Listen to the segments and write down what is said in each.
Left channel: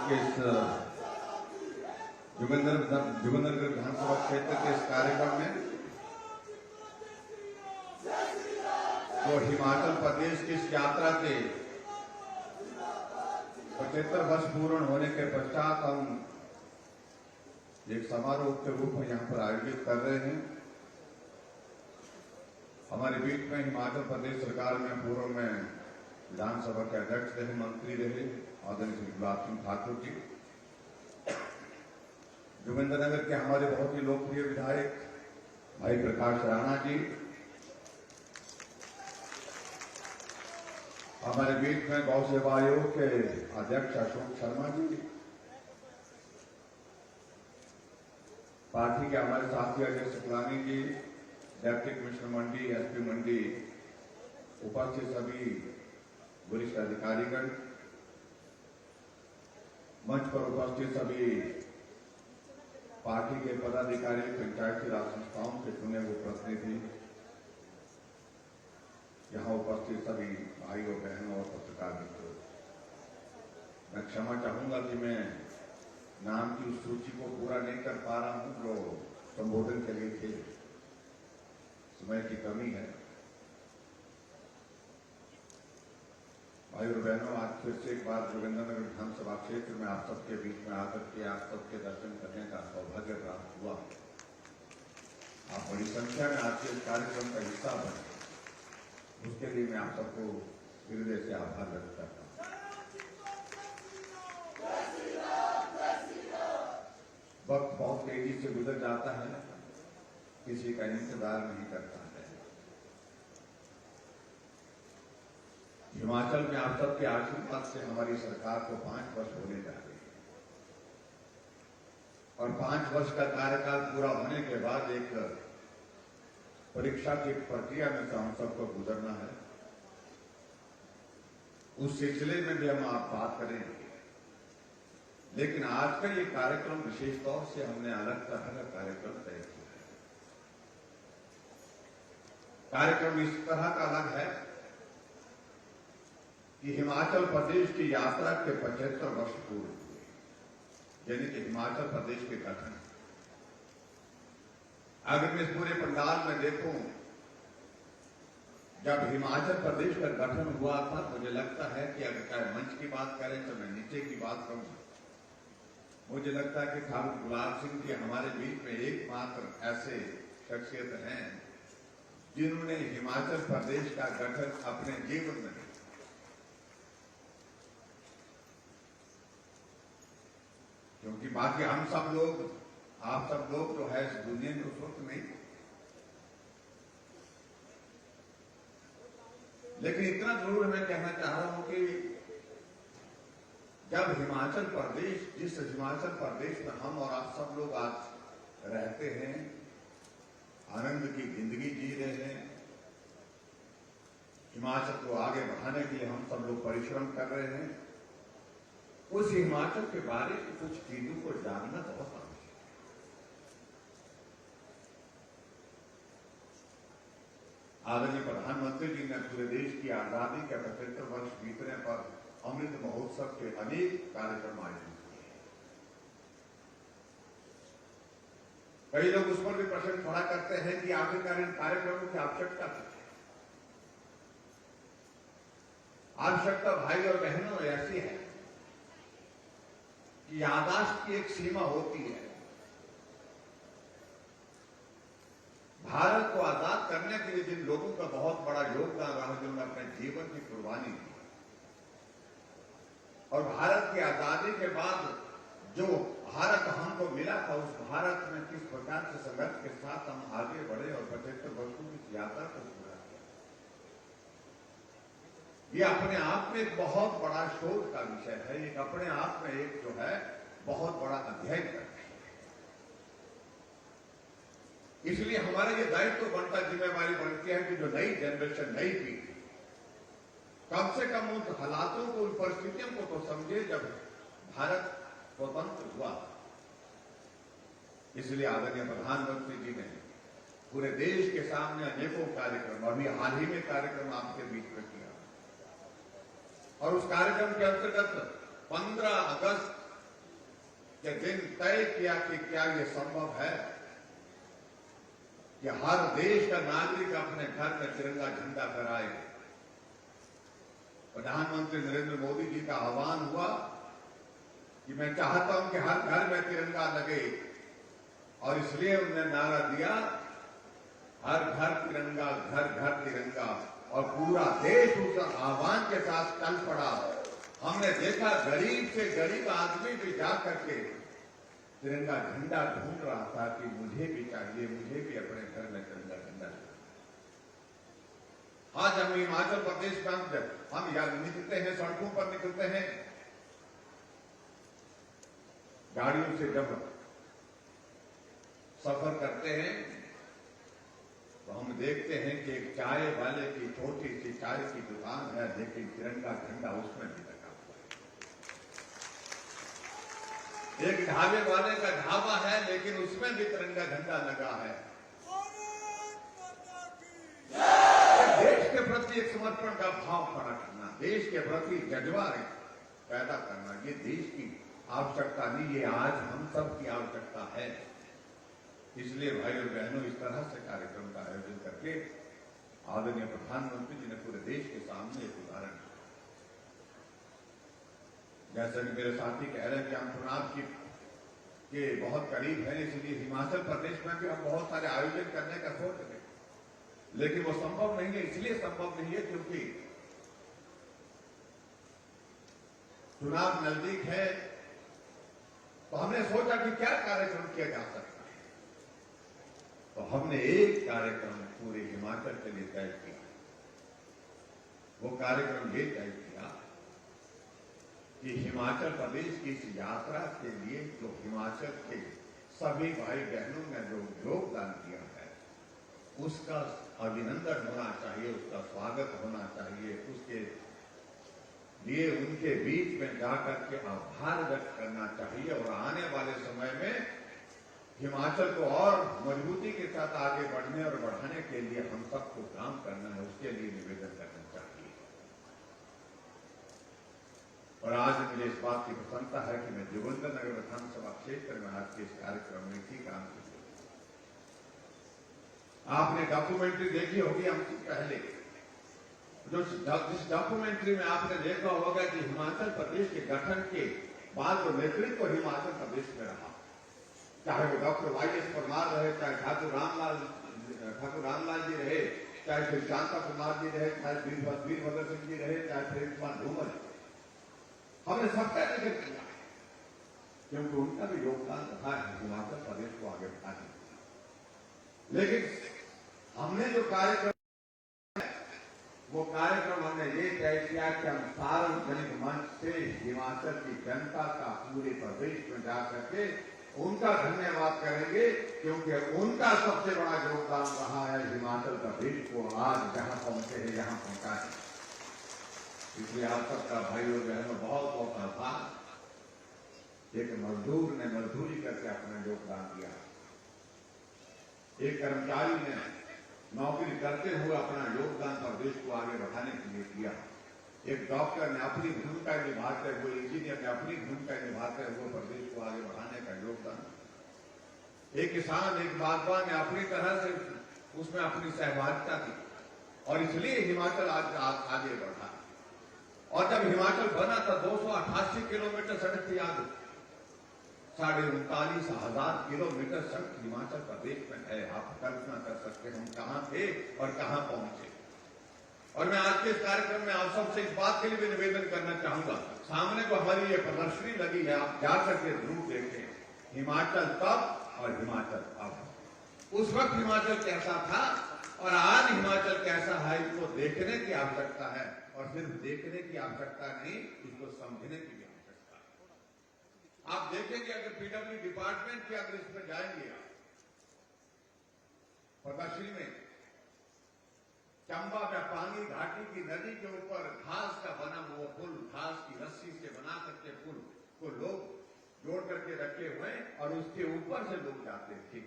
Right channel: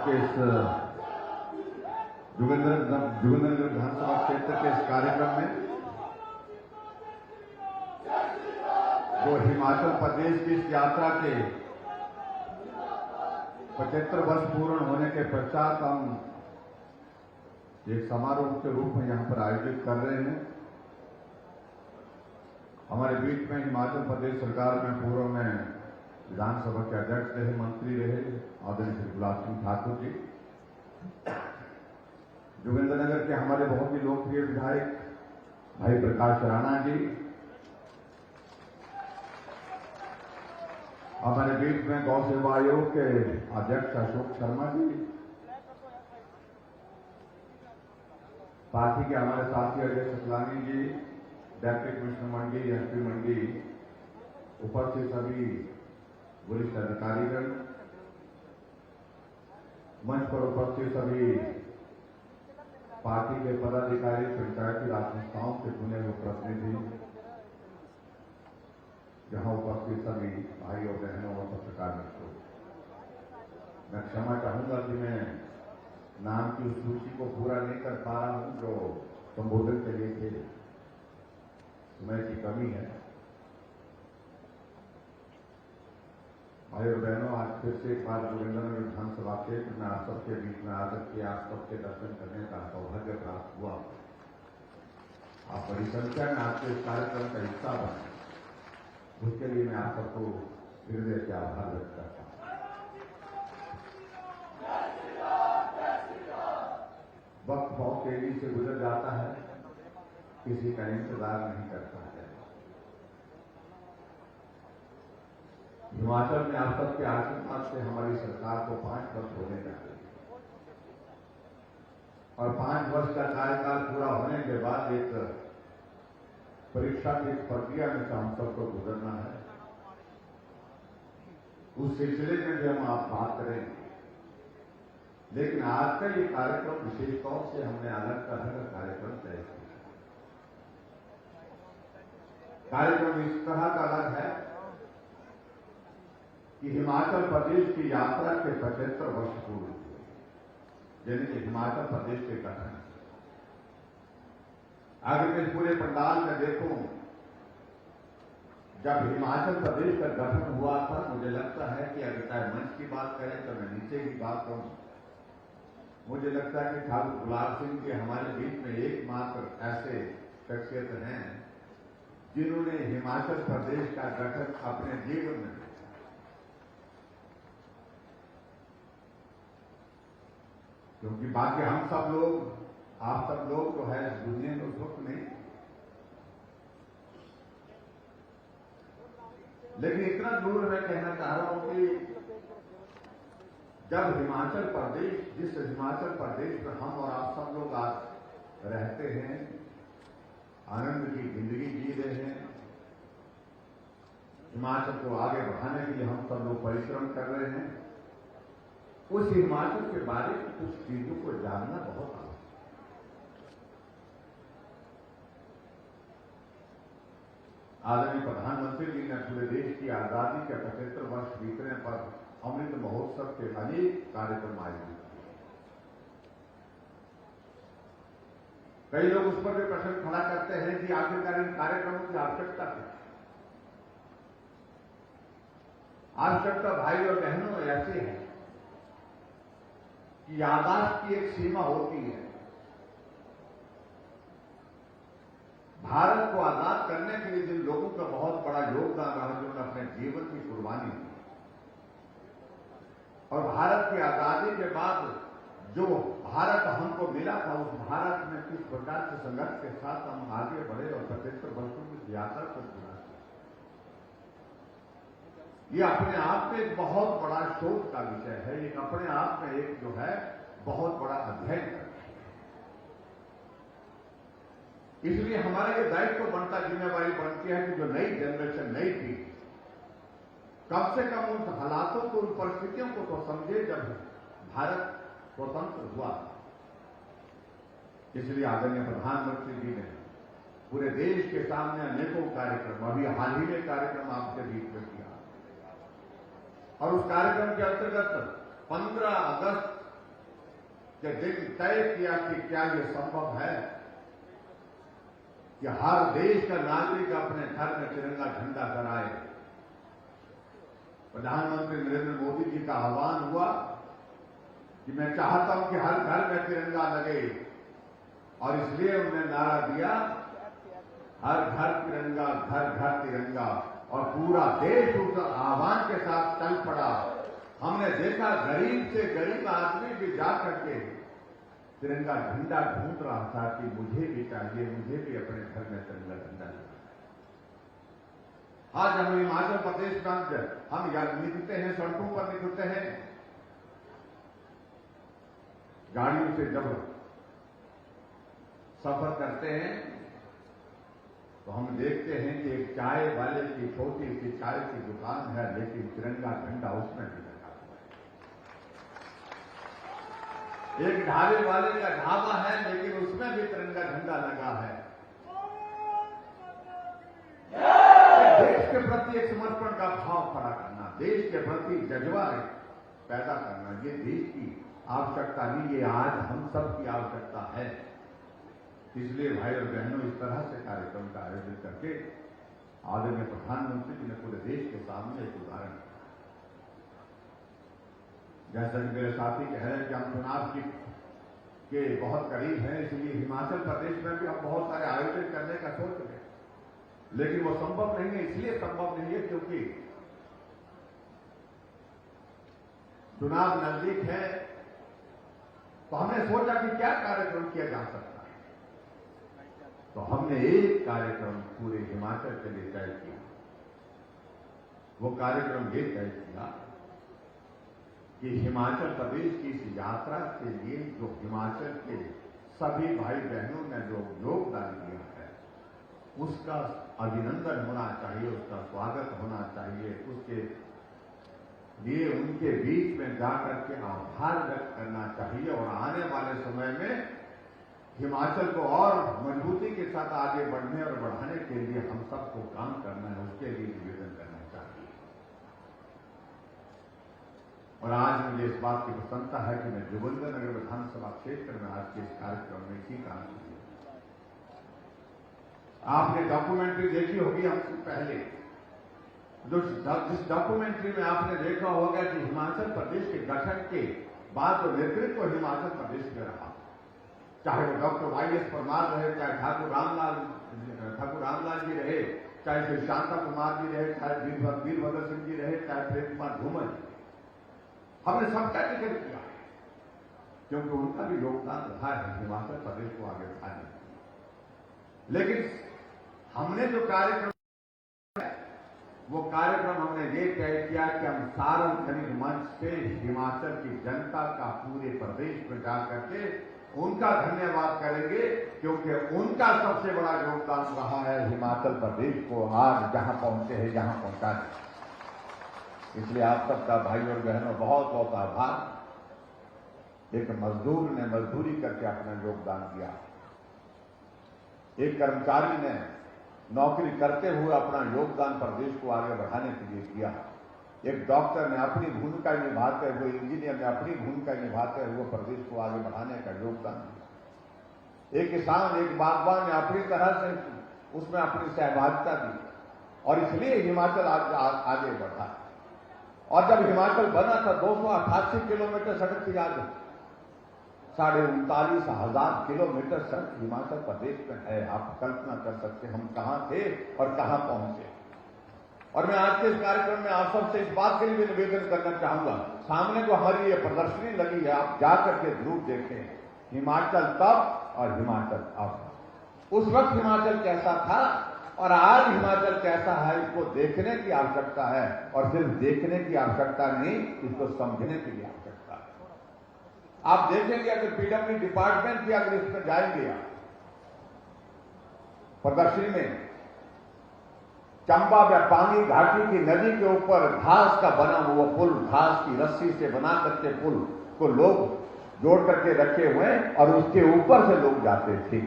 आज के इस जोगिंद्रनगर विधानसभा क्षेत्र के इस कार्यक्रम में जो हिमाचल प्रदेश की इस यात्रा के 75 वर्ष पूर्ण होने के पश्चात हम एक समारोह के रूप में यहाँ पर आयोजित कर रहे हैं। हमारे बीच में हिमाचल प्रदेश सरकार में पूर्व में विधानसभा के अध्यक्ष रहे, मंत्री रहे आदरणीय श्री गुलाब सिंह ठाकुर जी, जोगिंद्रनगर के हमारे बहुत ही लोकप्रिय विधायक भाई प्रकाश राणा जी, हमारे बीच में गौ सेवा आयोग के अध्यक्ष अशोक शर्मा जी, पार्टी के हमारे साथी अजय सकलानी जी, डिप्टी कमिश्नर मंडी, एसपी मंडी, उपस्थित सभी वरिष्ठ अधिकारीगण, मंच पर उपस्थित सभी पार्टी के पदाधिकारी, पंचायती राज संस्थाओं से चुने हुए प्रतिनिधि, यहां उपस्थित सभी भाइयों बहनों और पत्रकार मित्रों, मैं क्षमा चाहूंगा कि मैं नाम की उस सूची को पूरा नहीं कर पा रहा हूं जो संबोधन के लिए थे, समय की कमी है। भाई और बहनों, आज फिर से एक बार जोगिंद्रनगर विधानसभा क्षेत्र में आप सबके बीच में आकर के आप सबके दर्शन करने का सौभाग्य प्राप्त हुआ। आप बड़ी संख्या में आज के इस कार्यक्रम का हिस्सा बने, उसके लिए मैं आप सबको हृदय से आभार व्यक्त करता हूं। वक्त बहुत तेजी से गुजर जाता है, किसी का इंतजार नहीं करता है। हिमाचल में आप सबके आशीर्वाद से हमारी सरकार को 5 वर्ष होने जा रहे हैं और 5 वर्ष का कार्यकाल पूरा होने के बाद एक परीक्षा की प्रक्रिया में से हम सबको गुजरना है। उस सिलसिले में भी हम आप बात करेंगे, लेकिन आज का ये कार्यक्रम विशेष तौर से हमने अलग तरह का कार्यक्रम तय किया है। कार्यक्रम इस तरह का अलग है कि हिमाचल प्रदेश की यात्रा के 75 वर्ष पूर्ण हुए, यानी कि हिमाचल प्रदेश के गठन। अगर मैं इस पूरे पंडाल में देखूं, जब हिमाचल प्रदेश का गठन हुआ था, मुझे लगता है कि अगर चाहे मंच की बात करें तो मैं नीचे की बात करूं, मुझे लगता है कि साहब गुलाब सिंह जी हमारे बीच में एकमात्र ऐसे शख्सियत हैं जिन्होंने हिमाचल प्रदेश का गठन अपने जीवन में, क्योंकि बाकी हम सब लोग, आप सब लोग जो है इस दुनिया में उस वक्त नहीं, लेकिन इतना जरूर मैं कहना चाह रहा हूं कि जब हिमाचल प्रदेश, जिस हिमाचल प्रदेश में हम और आप सब लोग आज रहते हैं, आनंद की जिंदगी जी रहे हैं, हिमाचल को आगे बढ़ाने के लिए हम सब लोग परिश्रम कर रहे हैं, उस हिमाचल के बारे में कुछ चीजों को जानना बहुत आवश्यक है। आदरणीय प्रधानमंत्री जी ने पूरे देश की आजादी के 75 वर्ष बीतने पर अमृत महोत्सव के अनेक कार्यक्रम आयोजित किए। कई लोग उस पर भी प्रश्न खड़ा करते हैं कि आखिरकार इन कार्यक्रमों की आवश्यकता क्या है। आवश्यकता भाई और बहनों ऐसी है, याददाश्त की एक सीमा होती है। भारत को आजाद करने के लिए जिन लोगों का बहुत बड़ा योगदान रहा, जिन्होंने अपने जीवन की कुर्बानी की, और भारत की आजादी के बाद जो भारत हमको मिला था, उस भारत में किस प्रकार से संघर्ष के साथ हम आगे बढ़े और 75 वर्षों की यात्रा को पूरा किया, ये अपने आप में एक बहुत बड़ा शोध का विषय है। एक अपने आप में एक जो है बहुत बड़ा अध्ययन का विषय है। इसलिए हमारा ये दायित्व बनता, जिम्मेवारी बनती है कि जो नई जनरेशन, नई पीढ़ी कम से कम उन हालातों को, उन परिस्थितियों को तो समझे जब भारत स्वतंत्र हुआ। इसलिए आदरणीय प्रधानमंत्री जी ने पूरे देश के सामने अनेकों कार्यक्रम, अभी हाल ही में कार्यक्रम आपके बीच में किया, और उस कार्यक्रम के अंतर्गत 15 अगस्त कि दिन तय किया कि क्या यह संभव है कि हर देश का नागरिक अपने घर में तिरंगा झंडा फहराए। प्रधानमंत्री नरेंद्र मोदी जी का आह्वान हुआ कि मैं चाहता हूं कि हर घर में तिरंगा लगे, और इसलिए उन्होंने नारा दिया, हर घर तिरंगा, घर घर तिरंगा, और पूरा देश उस आह्वान के साथ चल पड़ा। हमने देखा गरीब से गरीब आदमी भी जाकर के तिरंगा झंडा ढूंढ रहा था कि मुझे भी चाहिए, मुझे भी अपने घर में तिरंगा झंडा चाहिए। आज हम हिमाचल प्रदेश में हम निकलते हैं, सड़कों पर निकलते हैं, गाड़ियों से जब सफर करते हैं तो हम देखते हैं कि एक चाय वाले की छोटी सी चाय की दुकान है, लेकिन तिरंगा झंडा उसमें भी लगा हुआ है। एक ढाबे वाले का ढाबा है, लेकिन उसमें भी तिरंगा झंडा लगा है। देश के प्रति एक समर्पण का भाव खड़ा करना, देश के प्रति जज्बा पैदा करना, ये देश की आवश्यकता नहीं, ये आज हम सब की आवश्यकता है। इसलिए भाई और बहनों, इस तरह से कार्यक्रम का आयोजन करके आदरणीय प्रधानमंत्री जी ने पूरे देश के सामने एक उदाहरण दिया। जैसा कि मेरे साथी कह रहे हैं कि हम चुनाव के बहुत करीब हैं, इसलिए हिमाचल प्रदेश में भी हम बहुत सारे आयोजन करने का सोच रहे हैं, लेकिन वो संभव नहीं है। इसलिए संभव नहीं है क्योंकि चुनाव नजदीक है। तो हमने सोचा कि क्या कार्यक्रम किया जा सकता है, तो हमने एक कार्यक्रम पूरे हिमाचल के लिए तय किया। वो कार्यक्रम ये तय किया कि हिमाचल प्रदेश की इस यात्रा के लिए जो हिमाचल के सभी भाई बहनों ने जो योगदान दिया है, उसका अभिनंदन होना चाहिए, उसका स्वागत होना चाहिए, उसके लिए उनके बीच में जाकर के आभार व्यक्त करना चाहिए, और आने वाले समय में हिमाचल को और मजबूती के साथ आगे बढ़ने और बढ़ाने के लिए हम सबको काम करना है, उसके लिए निवेदन करना चाहिए। और आज मुझे इस बात की प्रसन्नता है कि मैं जोगिंद्रनगर विधानसभा क्षेत्र में आज के इस कार्यक्रम में इसी काम की। आपने डॉक्यूमेंट्री देखी होगी हमसे पहले, जिस डॉक्यूमेंट्री में आपने देखा होगा कि हिमाचल प्रदेश के गठन के बाद जो नेतृत्व हिमाचल प्रदेश में रहा, चाहे वो डॉक्टर YS परमार रहे, चाहे ठाकुर रामलाल जी रहे, चाहे फिर शांता कुमार जी रहे, चाहे वीरभद्र सिंह जी रहे, चाहे प्रेम कुमार धूमल जी, हमने सबका जिक्र किया क्योंकि उनका भी योगदान रहा है हिमाचल प्रदेश को आगे बढ़ाने में। लेकिन हमने जो कार्यक्रम, वो कार्यक्रम हमने ये तय किया कि हम सार्वजनिक मंच से हिमाचल की जनता का पूरे प्रदेश में जाकर के उनका धन्यवाद करेंगे, क्योंकि उनका सबसे बड़ा योगदान रहा है हिमाचल प्रदेश को आज जहां पहुंचे हैं, जहां पहुंचा है। इसलिए आप सबका भाई और बहनों बहुत बहुत आभार। एक मजदूर ने मजदूरी करके अपना योगदान दिया, एक कर्मचारी ने नौकरी करते हुए अपना योगदान प्रदेश को आगे बढ़ाने के लिए किया, एक डॉक्टर ने अपनी भूमिका निभाते हुए, इंजीनियर ने अपनी भूमिका निभाते हुए प्रदेश को आगे बढ़ाने का योगदान दिया, एक किसान, एक बागवान ने अपनी तरह से उसमें अपनी सहभागिता दी, और इसलिए हिमाचल आगे बढ़ा। और जब हिमाचल बना था 288 किलोमीटर सड़क थी, याद 39,500 किलोमीटर सड़क हिमाचल प्रदेश में है। आप कल्पना कर सकते हम कहां थे और कहां पहुंचे। और मैं आज के इस कार्यक्रम में आप सबसे इस बात के लिए निवेदन करना चाहूंगा, सामने जो हमारी ये प्रदर्शनी लगी है, आप जाकर के जरूर देखें। हिमाचल तब और हिमाचल अब। उस वक्त हिमाचल कैसा था और आज हिमाचल कैसा है, इसको देखने की आवश्यकता है। और सिर्फ देखने की आवश्यकता नहीं, इसको समझने की भी आवश्यकता है। आप देखेंगे अगर PW डिपार्टमेंट भी अगर इसमें जाएंगे, प्रदर्शनी में चंबा में पानी घाटी की नदी के ऊपर घास का बना हुआ पुल, घास की रस्सी से बना करके पुल को लोग जोड़ करके रखे हुए हैं और उसके ऊपर से लोग जाते थे।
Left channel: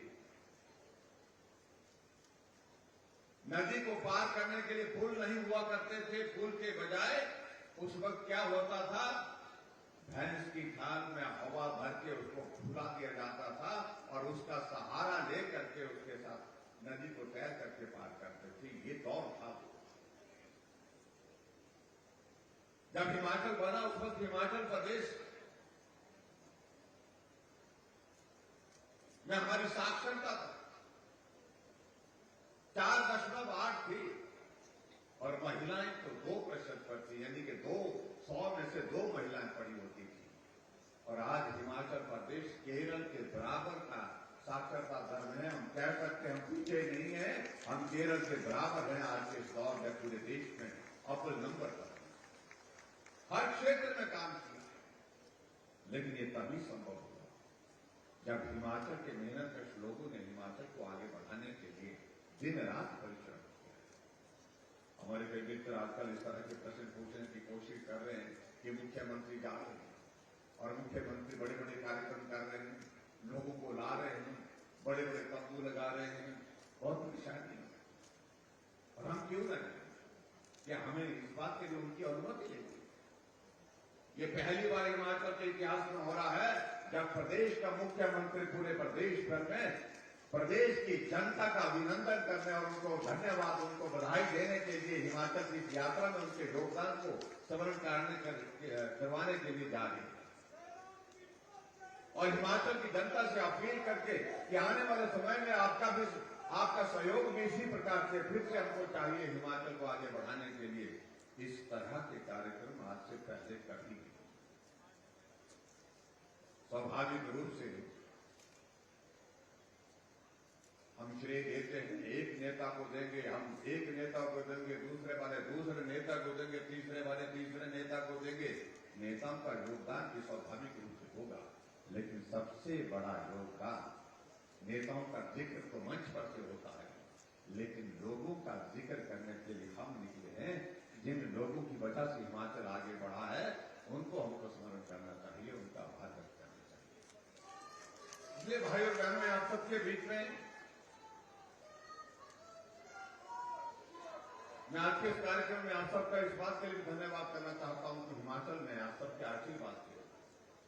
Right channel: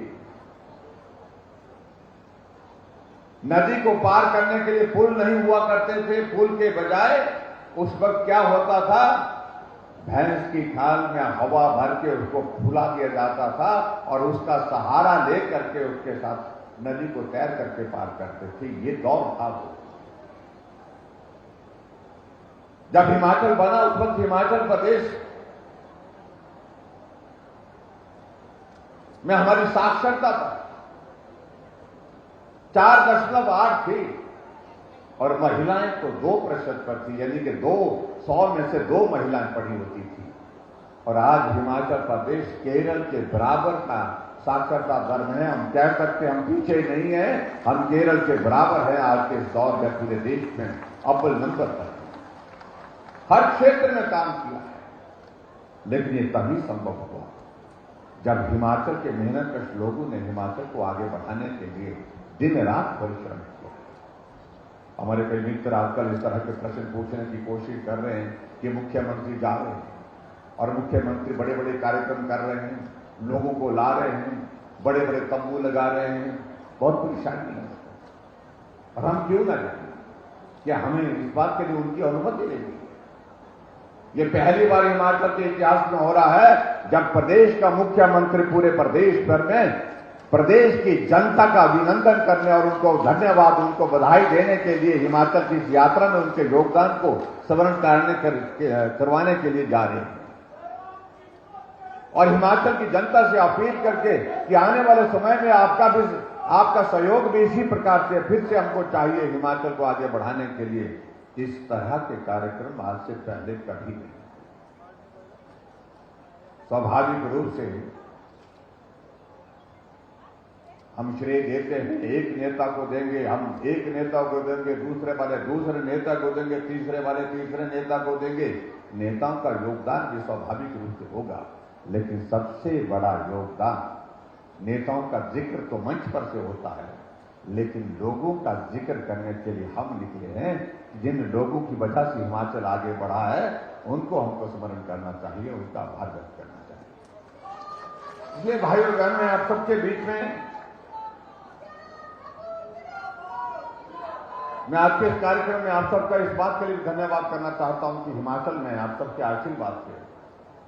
नदी को पार करने के लिए पुल नहीं हुआ करते थे, पुल के बजाय उस वक्त क्या होता था, भैंस की खाल में हवा भर के उसको फुला दिया जाता था और उसका सहारा ले करके उसके साथ नदी को तैर करके पार करते थे। ये दौर था वो। जब हिमाचल बना उस वक्त हिमाचल प्रदेश में हमारी साक्षरता 4.8 थी और महिलाएं तो 2% पर थी, यानी कि 100 में से 2 महिलाएं पढ़ी होती थी। और आज हिमाचल प्रदेश केरल के बराबर का साक्षरता दर में है। हम कह सकते हैं हम पीछे नहीं है, हम केरल के बराबर है। आज के इस दौर में पूरे देश में अव्वल नंबर पर हर क्षेत्र में काम किया है, लेकिन ये तभी संभव हुआ जब हिमाचल के मेहनतकश लोगों ने हिमाचल को आगे बढ़ाने के लिए दिन रात परिश्रम किया। हमारे कई मित्र आजकल इस तरह के प्रश्न पूछने की कोशिश कर रहे हैं कि मुख्यमंत्री जा रहे हैं और मुख्यमंत्री बड़े बड़े कार्यक्रम कर रहे हैं, लोगों को ला रहे हैं, बड़े बड़े तंबू लगा रहे हैं, बहुत परेशानी है। और हम क्यों ना जाएं? क्या हमें इस बात के लिए उनकी अनुमति लेनी? ये पहली बार हिमाचल के इतिहास में हो रहा है जब प्रदेश का मुख्यमंत्री पूरे प्रदेश भर में प्रदेश की जनता का अभिनंदन करने और उनको धन्यवाद, उनको बधाई देने के लिए हिमाचल की इस यात्रा में उनके योगदान को स्मरण करवाने के लिए जा रहे हैं। और हिमाचल की जनता से अपील करके कि आने वाले समय में आपका सहयोग भी इसी प्रकार से फिर से हमको चाहिए हिमाचल को आगे बढ़ाने के लिए। इस तरह के कार्यक्रम आज से पहले कभी नहीं। स्वाभाविक रूप से हम श्रेय देते हैं, एक नेता को देंगे, हम एक नेता को देंगे, दूसरे वाले दूसरे नेता को देंगे, तीसरे वाले तीसरे नेता को देंगे। नेताओं का योगदान भी स्वाभाविक रूप से होगा, लेकिन सबसे बड़ा योगदान नेताओं का जिक्र तो मंच पर से होता है, लेकिन लोगों का जिक्र करने के लिए हम निकले हैं। जिन लोगों की वजह से हिमाचल आगे बढ़ा है उनको हमको स्मरण करना चाहिए, उनका आभार व्यक्त करना चाहिए। इसलिए भाई और बहन, मैं आप सबके बीच में मैं आज के इस कार्यक्रम में आप सबका इस बात के लिए धन्यवाद करना चाहता हूं कि हिमाचल में आप सबके आशीर्वाद से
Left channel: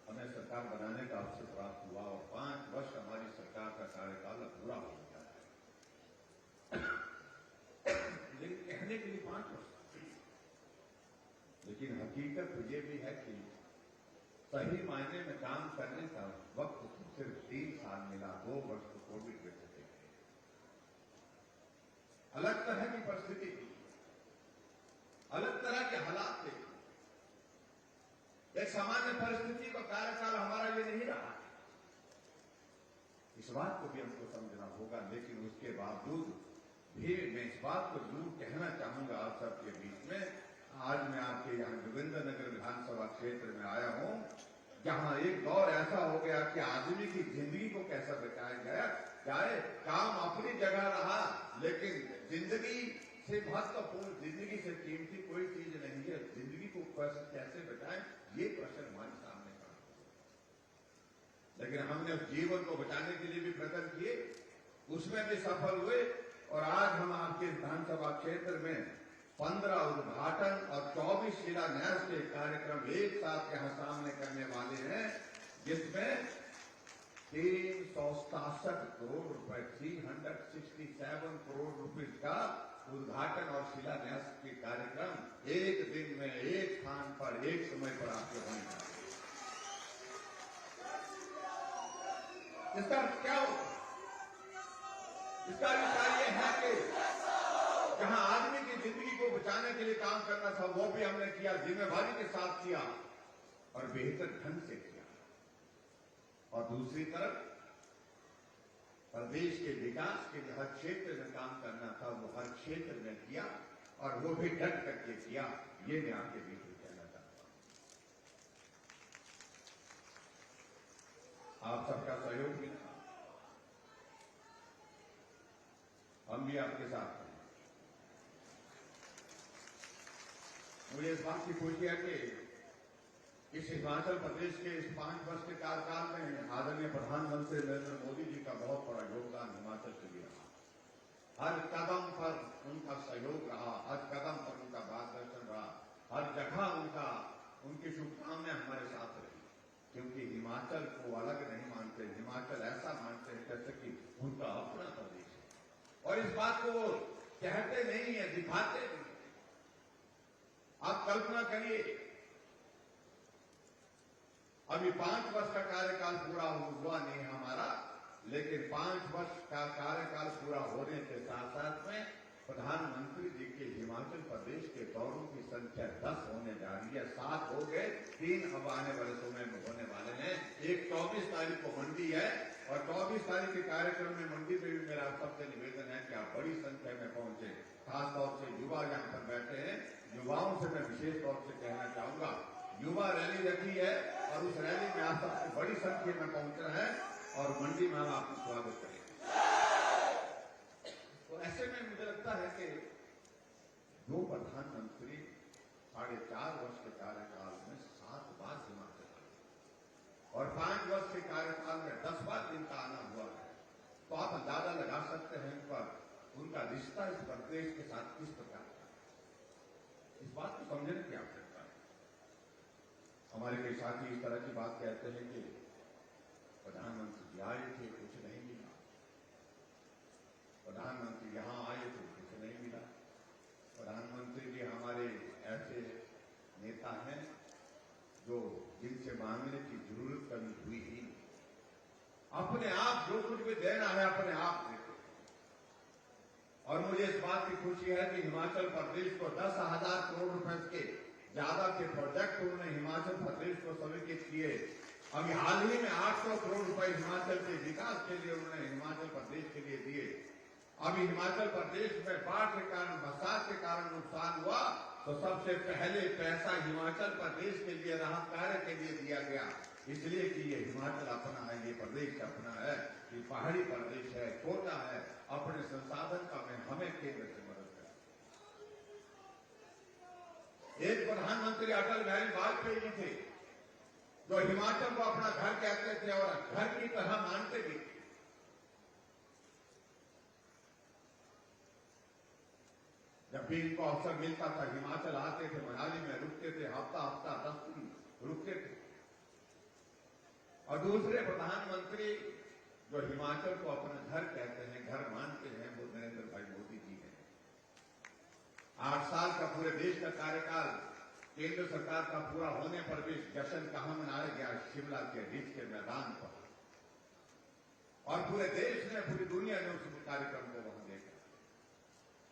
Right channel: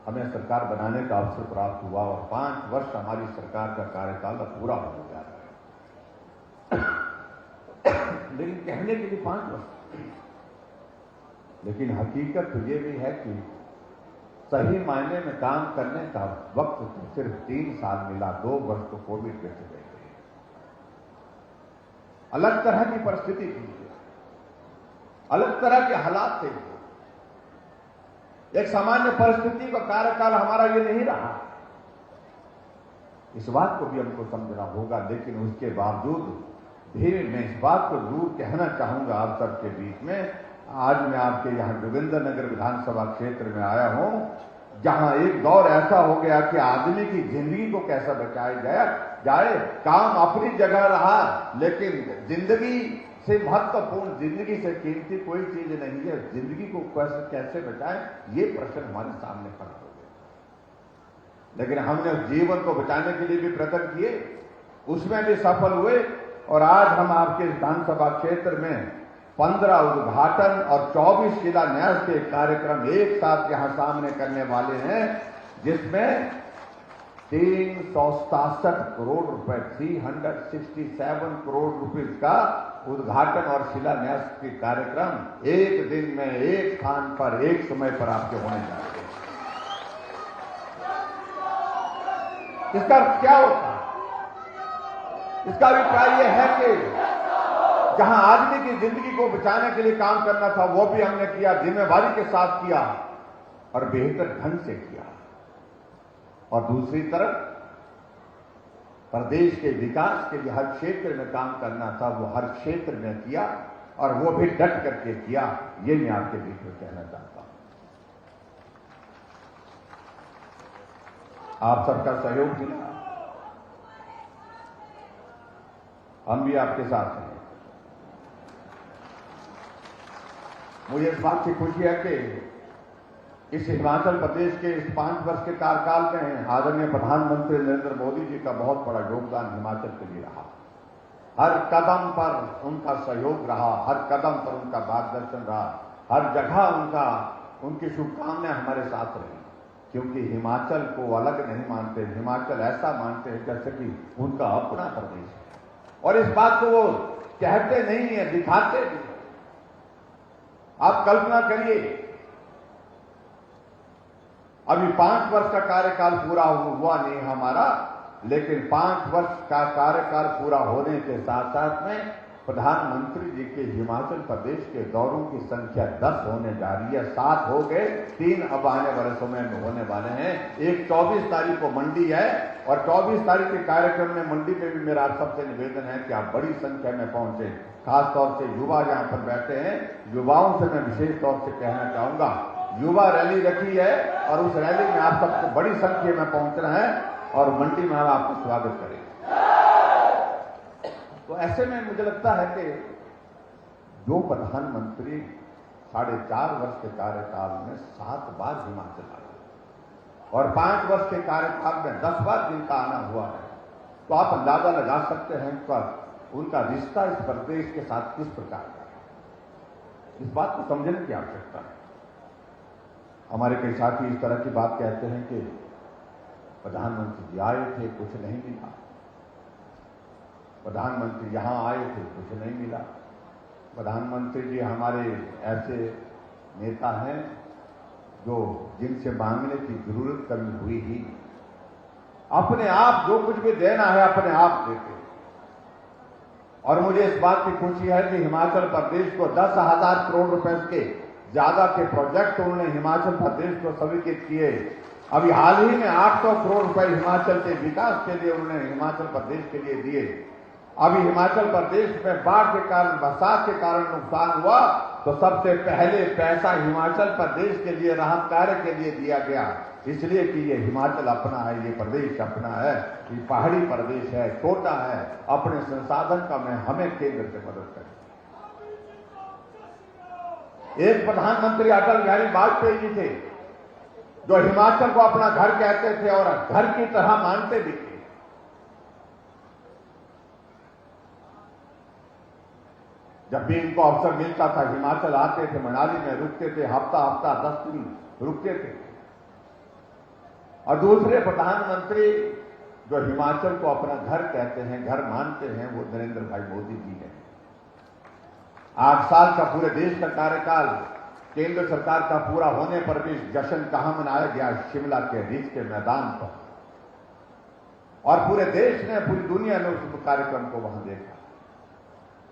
हमें सरकार बनाने का अवसर प्राप्त हुआ और 5 वर्ष हमारी सरकार का कार्यकाल अब पूरा हो जा रहा है। लेकिन कहने के लिए 5 वर्ष, लेकिन हकीकत तो ये भी है कि सही मायने में काम करने का वक्त तो सिर्फ 3 साल मिला। 2 वर्ष तो कोविड के चले गए। अलग तरह की परिस्थिति थी, अलग तरह के हालात थे। एक सामान्य परिस्थिति का कार्यकाल हमारा ये नहीं रहा। इस बात को भी हमको समझना होगा, लेकिन उसके बावजूद भी मैं इस बात को जरूर कहना चाहूंगा आप सबके बीच में। आज मैं आपके यहाँ जोगिंद्रनगर विधानसभा क्षेत्र में आया हूं, जहां एक दौर ऐसा हो गया कि आदमी की जिंदगी को कैसा बचाया जाए। काम अपनी जगह रहा, लेकिन जिंदगी से महत्वपूर्ण, जिंदगी से कीमती कोई चीज नहीं है। जिंदगी को कैसे बचाएं, ये प्रश्न हमारे सामने खड़ा हो गया। लेकिन हमने उस जीवन को बचाने के लिए भी प्रयत्न किए, उसमें भी सफल हुए। और आज हम आपके विधानसभा क्षेत्र में 15 उद्घाटन और 24 शिलान्यास के कार्यक्रम एक साथ यहां सामने करने वाले हैं, जिसमें 367 करोड़ रुपए, 367 करोड़ रुपए का उद्घाटन और शिलान्यास के कार्यक्रम एक दिन में एक स्थान पर एक समय पर आपके होने जा रहे हैं। इसका क्या होता है? इसका अभिप्राय यह है कि जहां आदमी की जिंदगी को बचाने के लिए काम करना था वो भी हमने किया, जिम्मेवारी के साथ किया और बेहतर ढंग से किया। और दूसरी तरफ प्रदेश के विकास के लिए हर क्षेत्र में काम करना था, वो हर क्षेत्र में किया और वो भी डट करके किया। ये मैं आपके बीच में कहना चाहता हूं। आप सबका सहयोग मिला, हम भी आपके साथ हैं। मुझे इस बात की खुशी है कि इस हिमाचल प्रदेश के इस 5 वर्ष के कार्यकाल में आदरणीय प्रधानमंत्री नरेंद्र मोदी जी का बहुत बड़ा योगदान हिमाचल के लिए रहा। हर कदम पर उनका सहयोग रहा, हर कदम पर उनका मार्गदर्शन रहा, हर जगह उनका उनकी शुभकामनाएं हमारे साथ रही, क्योंकि हिमाचल को अलग नहीं मानते, हिमाचल ऐसा मानते हैं जैसे कि उनका अपना प्रदेश है, और इस बात को वो कहते नहीं है, दिखाते भी। आप कल्पना करिए, अभी 5 वर्ष का कार्यकाल पूरा हुआ नहीं हमारा, लेकिन 5 वर्ष का कार्यकाल पूरा होने के साथ साथ में प्रधानमंत्री जी के हिमाचल प्रदेश के दौरों की संख्या 10 होने जा रही है। 7 हो गए, 3 अब आने वर्षों में होने वाले हैं। एक 24 तारीख को मंडी है, और 24 तारीख के कार्यक्रम में मंडी में भी मेरा आप सबसे निवेदन है कि आप बड़ी संख्या में पहुंचे। खासतौर से युवा यहाँ पर बैठे हैं, युवाओं से मैं विशेष तौर से कहना चाहूंगा, युवा रैली रखी है और उस रैली में आप सबको बड़ी संख्या में पहुंचना है और मंडी में हम आपका स्वागत करेंगे। तो ऐसे में मुझे लगता है कि जो प्रधानमंत्री 4.5 वर्ष के कार्यकाल में 7 बार हिमाचल आए और 5 वर्ष के कार्यकाल में 10 बार जिनका आना हुआ है, तो आप अंदाजा लगा सकते हैं कि उनका रिश्ता इस प्रदेश के साथ किस प्रकार का है। इस बात को समझने की आवश्यकता है। हमारे कई साथी इस तरह की बात कहते हैं कि प्रधानमंत्री जी आए थे, कुछ नहीं मिला, प्रधानमंत्री यहां आए थे, कुछ नहीं मिला, प्रधानमंत्री जी हमारे ऐसे नेता हैं जो जिनसे मांगने की जरूरत कभी हुई ही, अपने आप जो कुछ भी देना है अपने आप देते। और मुझे इस बात की खुशी है कि हिमाचल प्रदेश को 10,000 करोड़ रुपए के ज्यादा के प्रोजेक्ट उन्होंने हिमाचल प्रदेश को स्वीकृत किए। अभी हाल ही में 800 करोड़ रुपए हिमाचल के विकास के लिए उन्होंने हिमाचल प्रदेश के लिए दिए। अभी हिमाचल प्रदेश में बाढ़ के कारण, बरसात के कारण नुकसान हुआ, तो सबसे पहले पैसा हिमाचल प्रदेश के लिए राहत कार्य के लिए दिया गया, इसलिए कि ये हिमाचल अपना है, ये प्रदेश अपना है, ये पहाड़ी प्रदेश है, छोटा है, अपने संसाधन का में हमें केंद्र से मदद करें। एक प्रधानमंत्री अटल बिहारी वाजपेयी जी थे जो हिमाचल को अपना घर कहते थे और घर की तरह मानते भी थे। जब भी इनको अवसर मिलता था हिमाचल आते थे, मनाली में रुकते थे, हफ्ता 10 दिन रुकते थे। और दूसरे प्रधानमंत्री जो हिमाचल को अपना घर कहते हैं, घर मानते हैं, वो नरेंद्र भाई मोदी जी हैं। 8 साल का पूरे देश का कार्यकाल केंद्र सरकार का पूरा होने पर भी जश्न कहां मनाया गया? शिमला के रिज के मैदान पर, और पूरे देश ने, पूरी दुनिया ने उस कार्यक्रम को वहां देखा।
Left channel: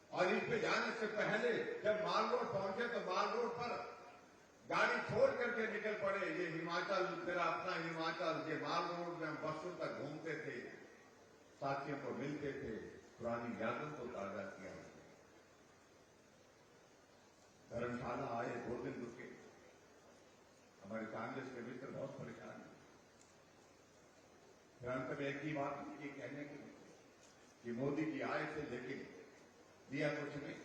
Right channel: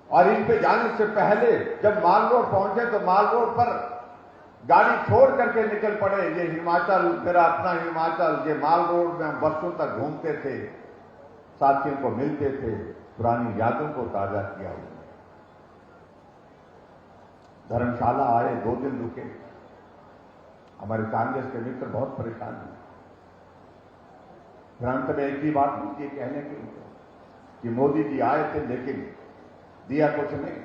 और इन पे जाने से पहले जब माल रोड पहुंचे तो माल रोड पर गाड़ी छोड़ करके निकल पड़े, ये हिमाचल मेरा अपना हिमाचल। ये माल रोड में वर्षों तक घूमते थे, साथियों को मिलते थे, पुरानी यादों को ताजा किया। धर्मशाला आए, 2 दिन रुके, हमारे कांग्रेस के मित्र बहुत परेशान हुए। फिर अंत में एक ही बात मुझे कहने की कि मोदी जी आए थे लेकिन दिया कुछ नहीं।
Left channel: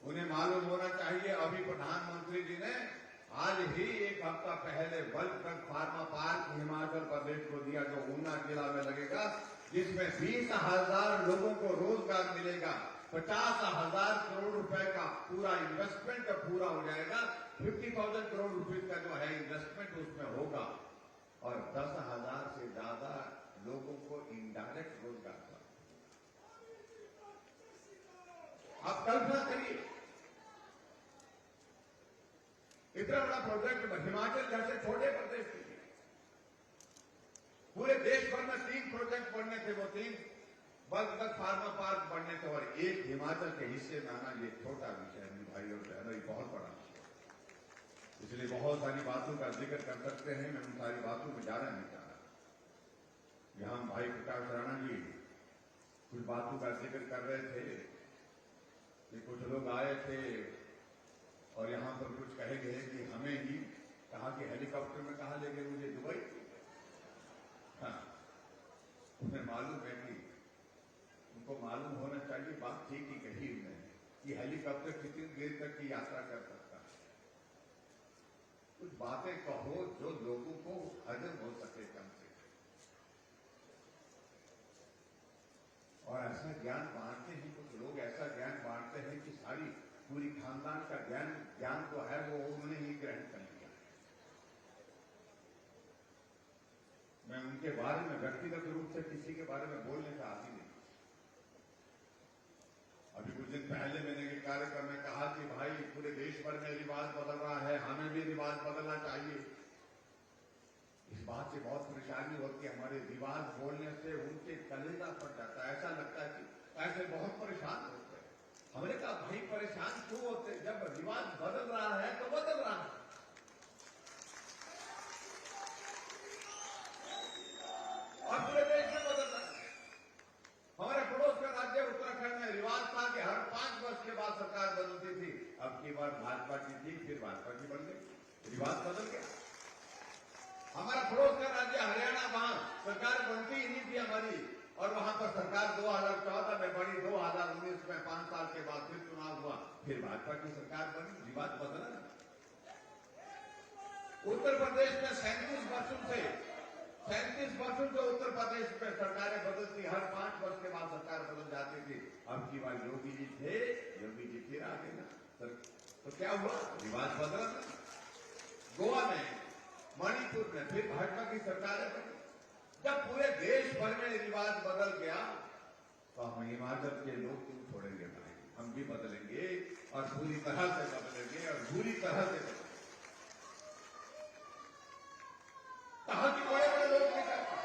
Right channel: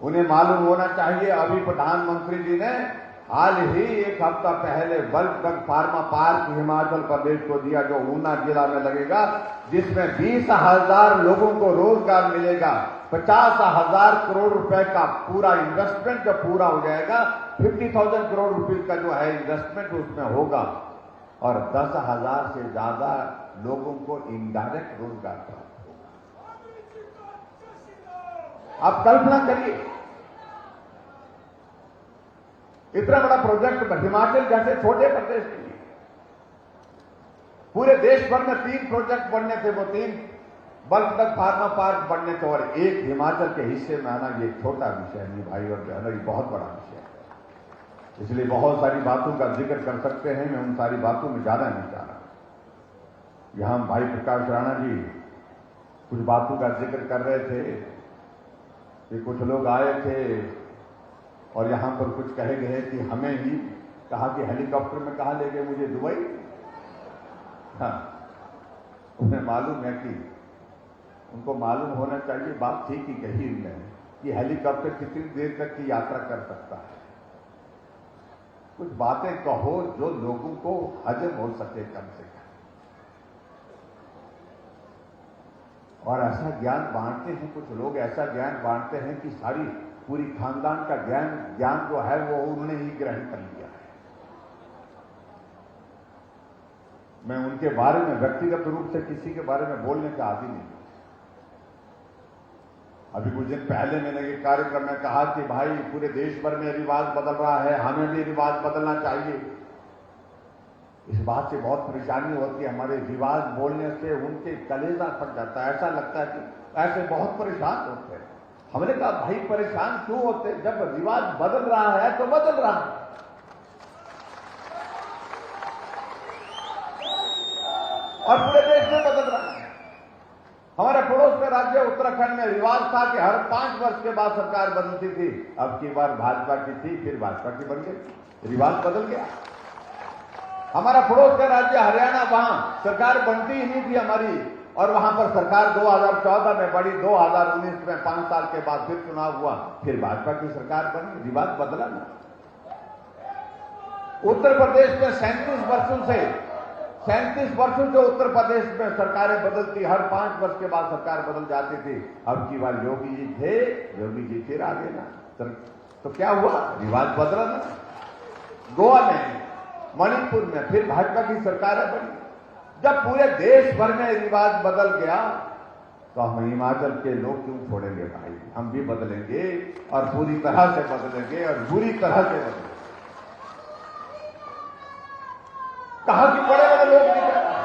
उन्हें मालूम होना चाहिए, अभी प्रधानमंत्री जी ने हाल ही 1 हफ्ता पहले bulk drug pharma park Himachal Pradesh को दिया, जो ऊना जिला में लगेगा, जिसमें 20,000 लोगों को रोजगार मिलेगा। 50,000 करोड़ रुपए का पूरा इन्वेस्टमेंट जब पूरा हो जाएगा, 50,000 करोड़ रुपए का जो है इन्वेस्टमेंट उसमें होगा, और 10,000 से ज्यादा लोगों को इनडायरेक्ट रोजगार प्राप्त। आप कल्पना करिए, इतना बड़ा प्रोजेक्ट हिमाचल जैसे छोटे प्रदेश के लिए। पूरे देश भर में 3 प्रोजेक्ट बनने थे, वो 3 बल्क ड्रग फार्मा पार्क बनने थे, और एक हिमाचल के हिस्से में आना ये छोटा विषय नहीं भाई और बहनों, ये बहुत बड़ा विषय है। इसलिए बहुत सारी बातों का जिक्र कर सकते हैं, मैं उन सारी बातों में ज्यादा नहीं जा रहा। यहां भाई प्रकाश राणा जी कुछ बातों का जिक्र कर रहे थे कि कुछ लोग आए थे और यहां पर कुछ कहे गए कि हमें ही कहा कि हेलीकॉप्टर में कहा ले गए मुझे, दुबई। हाँ, उन्हें मालूम है कि उनको मालूम होना चाहिए, बात ठीक ही कही उन्होंने कि हेलीकॉप्टर कितनी देर तक की यात्रा कर सकता है। कुछ बातें कहो जो लोगों को हजम हो सके कम से कम, और ऐसा ज्ञान बांटते हैं कुछ लोग, ऐसा ज्ञान बांटते हैं कि सारी पूरी खानदान का ज्ञान जो है वो उन्होंने ही ग्रहण कर लिया। मैं उनके बारे में व्यक्तिगत रूप से किसी के बारे में बोलने का आदी नहीं। अभी कुछ दिन पहले मैंने एक कार्यक्रम में कहा कि भाई पूरे देश भर में रिवाज बदल रहा है, हमें भी रिवाज बदलना चाहिए। इस बात से बहुत परेशानी होती है, हमारे रिवाज बोलने से उनके कलेजा फट जाता है, ऐसा लगता है कि ऐसे बहुत परेशान होते हैं। हमने कहा भाई परेशान क्यों होते, जब रिवाज बदल रहा है तो बदल रहा है। और पूरे देश में बदल रहा है। हमारे पड़ोस के राज्य उत्तराखंड में रिवाज था कि हर 5 वर्ष के बाद सरकार बदलती थी। अब की बार भाजपा की थी, फिर भाजपा की बन गई, रिवाज बदल गया। हमारा पड़ोस का राज्य हरियाणा, वहां सरकार बनती ही नहीं थी हमारी, और वहां पर सरकार 2014 में बड़ी, 2019 में 5 साल के बाद फिर चुनाव हुआ, फिर भाजपा की सरकार बनी, रिवाज बदला नहीं। उत्तर प्रदेश में 37 वर्षों से उत्तर प्रदेश में सरकारें बदलती, हर 5 वर्ष के बाद सरकार बदल जाती थी। अब की बार योगी जी थे, योगी जी फिर आ गए ना, तो क्या हुआ, रिवाज बदला ना। गोवा में, मणिपुर में फिर भाजपा की सरकारें बनी। जब पूरे देश भर में रिवाज बदल गया तो हम हिमाचल के लोग क्यों छोड़ेंगे भाई, हम भी बदलेंगे और पूरी तरह से बदलेंगे और बुरी तरह से बदलेंगे। कहा कि बड़े बड़े लोग नहीं कर पाए,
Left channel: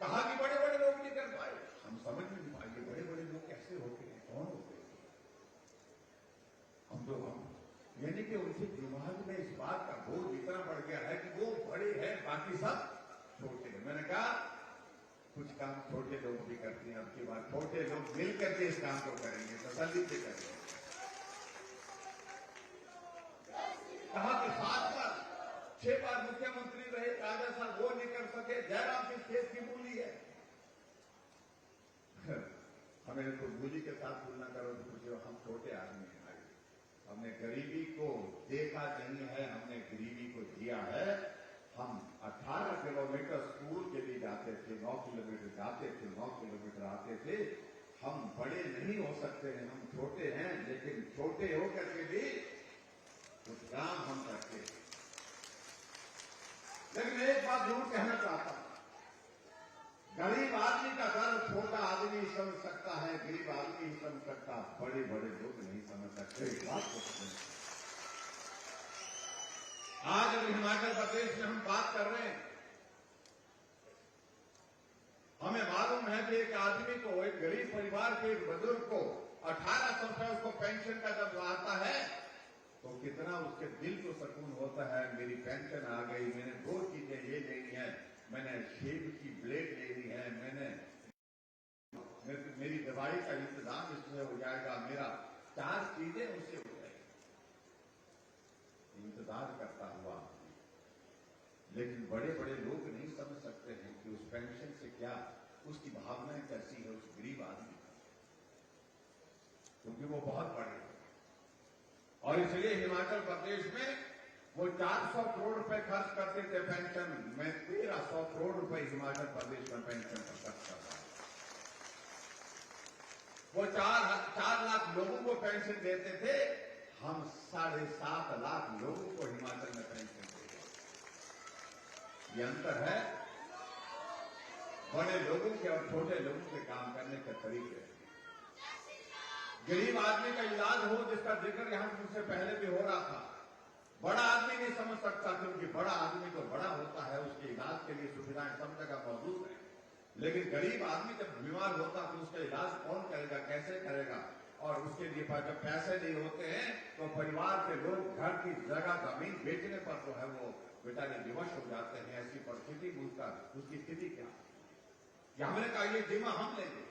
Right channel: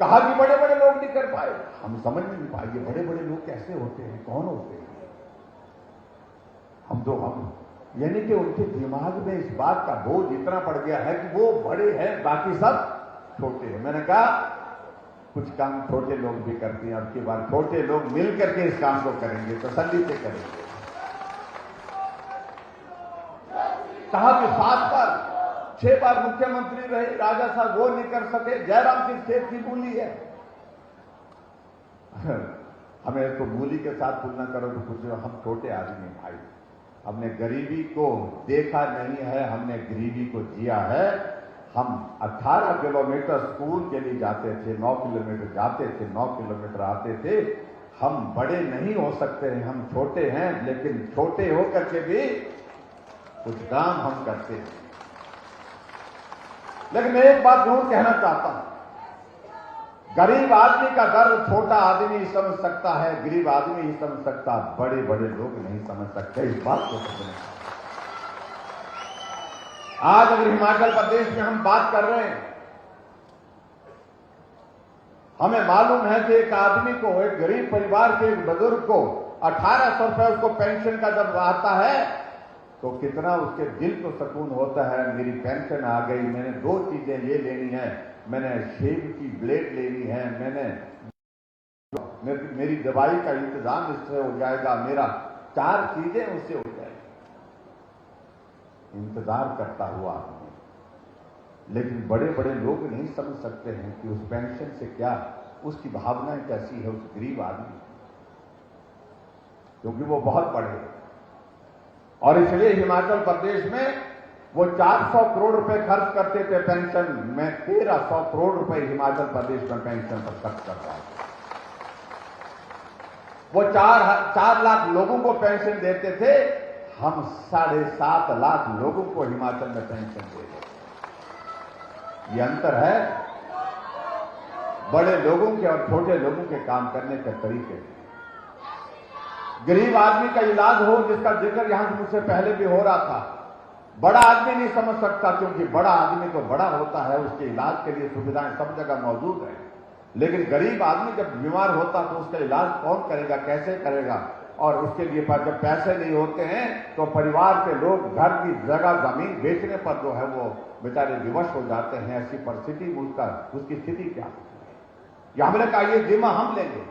कहा कि बड़े बड़े लोग नहीं कर पाए। हम समझ नहीं पाएंगे बड़े बड़े लोग कैसे होते हैं, कौन होते हैं। हम यानी कि उनके दिमाग में इस बात का बोझ इतना पड़ गया है कि वो बड़े हैं, बाकी सब छोटे हैं। मैंने कहा कुछ काम छोटे लोग भी करते हैं, अब की बार छोटे लोग मिल करके इस काम को करेंगे, तसल्ली से करेंगे। कहा कि 7 बार 6 बार मुख्यमंत्री रहे राजा साहब, वो नहीं कर सके। जयराम सिंह सेठ की बोली है, हमें तो बोली के साथ तुलना करो तो कुछ, हम छोटे आदमी भाई, हमने गरीबी को देखा नहीं है, हमने गरीबी को जिया है। हम 18 किलोमीटर स्कूल के लिए जाते थे, 9 किलोमीटर जाते थे, 9 किलोमीटर आते थे। हम बड़े नहीं हो सकते हैं, हम छोटे हैं, लेकिन छोटे होकर के भी कुछ काम हम करते हैं। लेकिन मैं एक बात जरूर कहना चाहता हूं, गरीब आदमी का दर्द छोटा आदमी ही समझ सकता है, गरीब आदमी ही समझ सकता, बड़े बड़े लोग नहीं समझ सकते। इस बात को समझना। आज अगर हिमाचल प्रदेश में हम बात कर रहे हैं, हमें मालूम है कि एक आदमी को, एक गरीब परिवार के एक बुजुर्ग को 1800 रुपए उसको पेंशन का जब आता है तो कितना उसके दिल को सुकून होता है। मेरी पेंशन आ गई, मैंने 2 चीजें ये लेनी है, मैंने शेव की ब्लेड लेनी है, मेरी दवाई का इंतजाम इससे हो जाएगा, मेरा 4 चीजें उससे हो जाएगी। इंतजार करता हुआ आदमी। लेकिन बड़े बड़े लोग नहीं समझ सकते हैं कि उस पेंशन से क्या, उसकी भावनाएं कैसी है उस गरीब आदमी, क्योंकि वो बहुत बड़े हैं। और इसलिए हिमाचल प्रदेश में वो 400 करोड़ रुपए खर्च करते थे पेंशन में, 1300 करोड़ रुपए हिमाचल प्रदेश में पेंशन पर खर्च कर रहा है। वो 4 लाख लोगों को पेंशन देते थे, हम 7.5 लाख लोगों को हिमाचल में पेंशन दे रहे। ये अंतर है बड़े लोगों के और छोटे लोगों के काम करने के तरीके। गरीब आदमी का इलाज हो, जिसका जिक्र यहां मुझसे पहले भी हो रहा था, बड़ा आदमी नहीं समझ सकता, क्योंकि बड़ा आदमी तो बड़ा होता है, उसके इलाज के लिए सुविधाएं सब जगह मौजूद है। लेकिन गरीब आदमी जब बीमार होता तो उसका इलाज कौन करेगा, कैसे करेगा? और उसके लिए जब पैसे नहीं होते हैं तो परिवार के लोग घर की जगह जमीन बेचने पर जो है वो बेचारे विवश हो जाते हैं। ऐसी परिस्थिति उसकी स्थिति क्या है? ये हमने कहा ये जिम्मा हम लेंगे।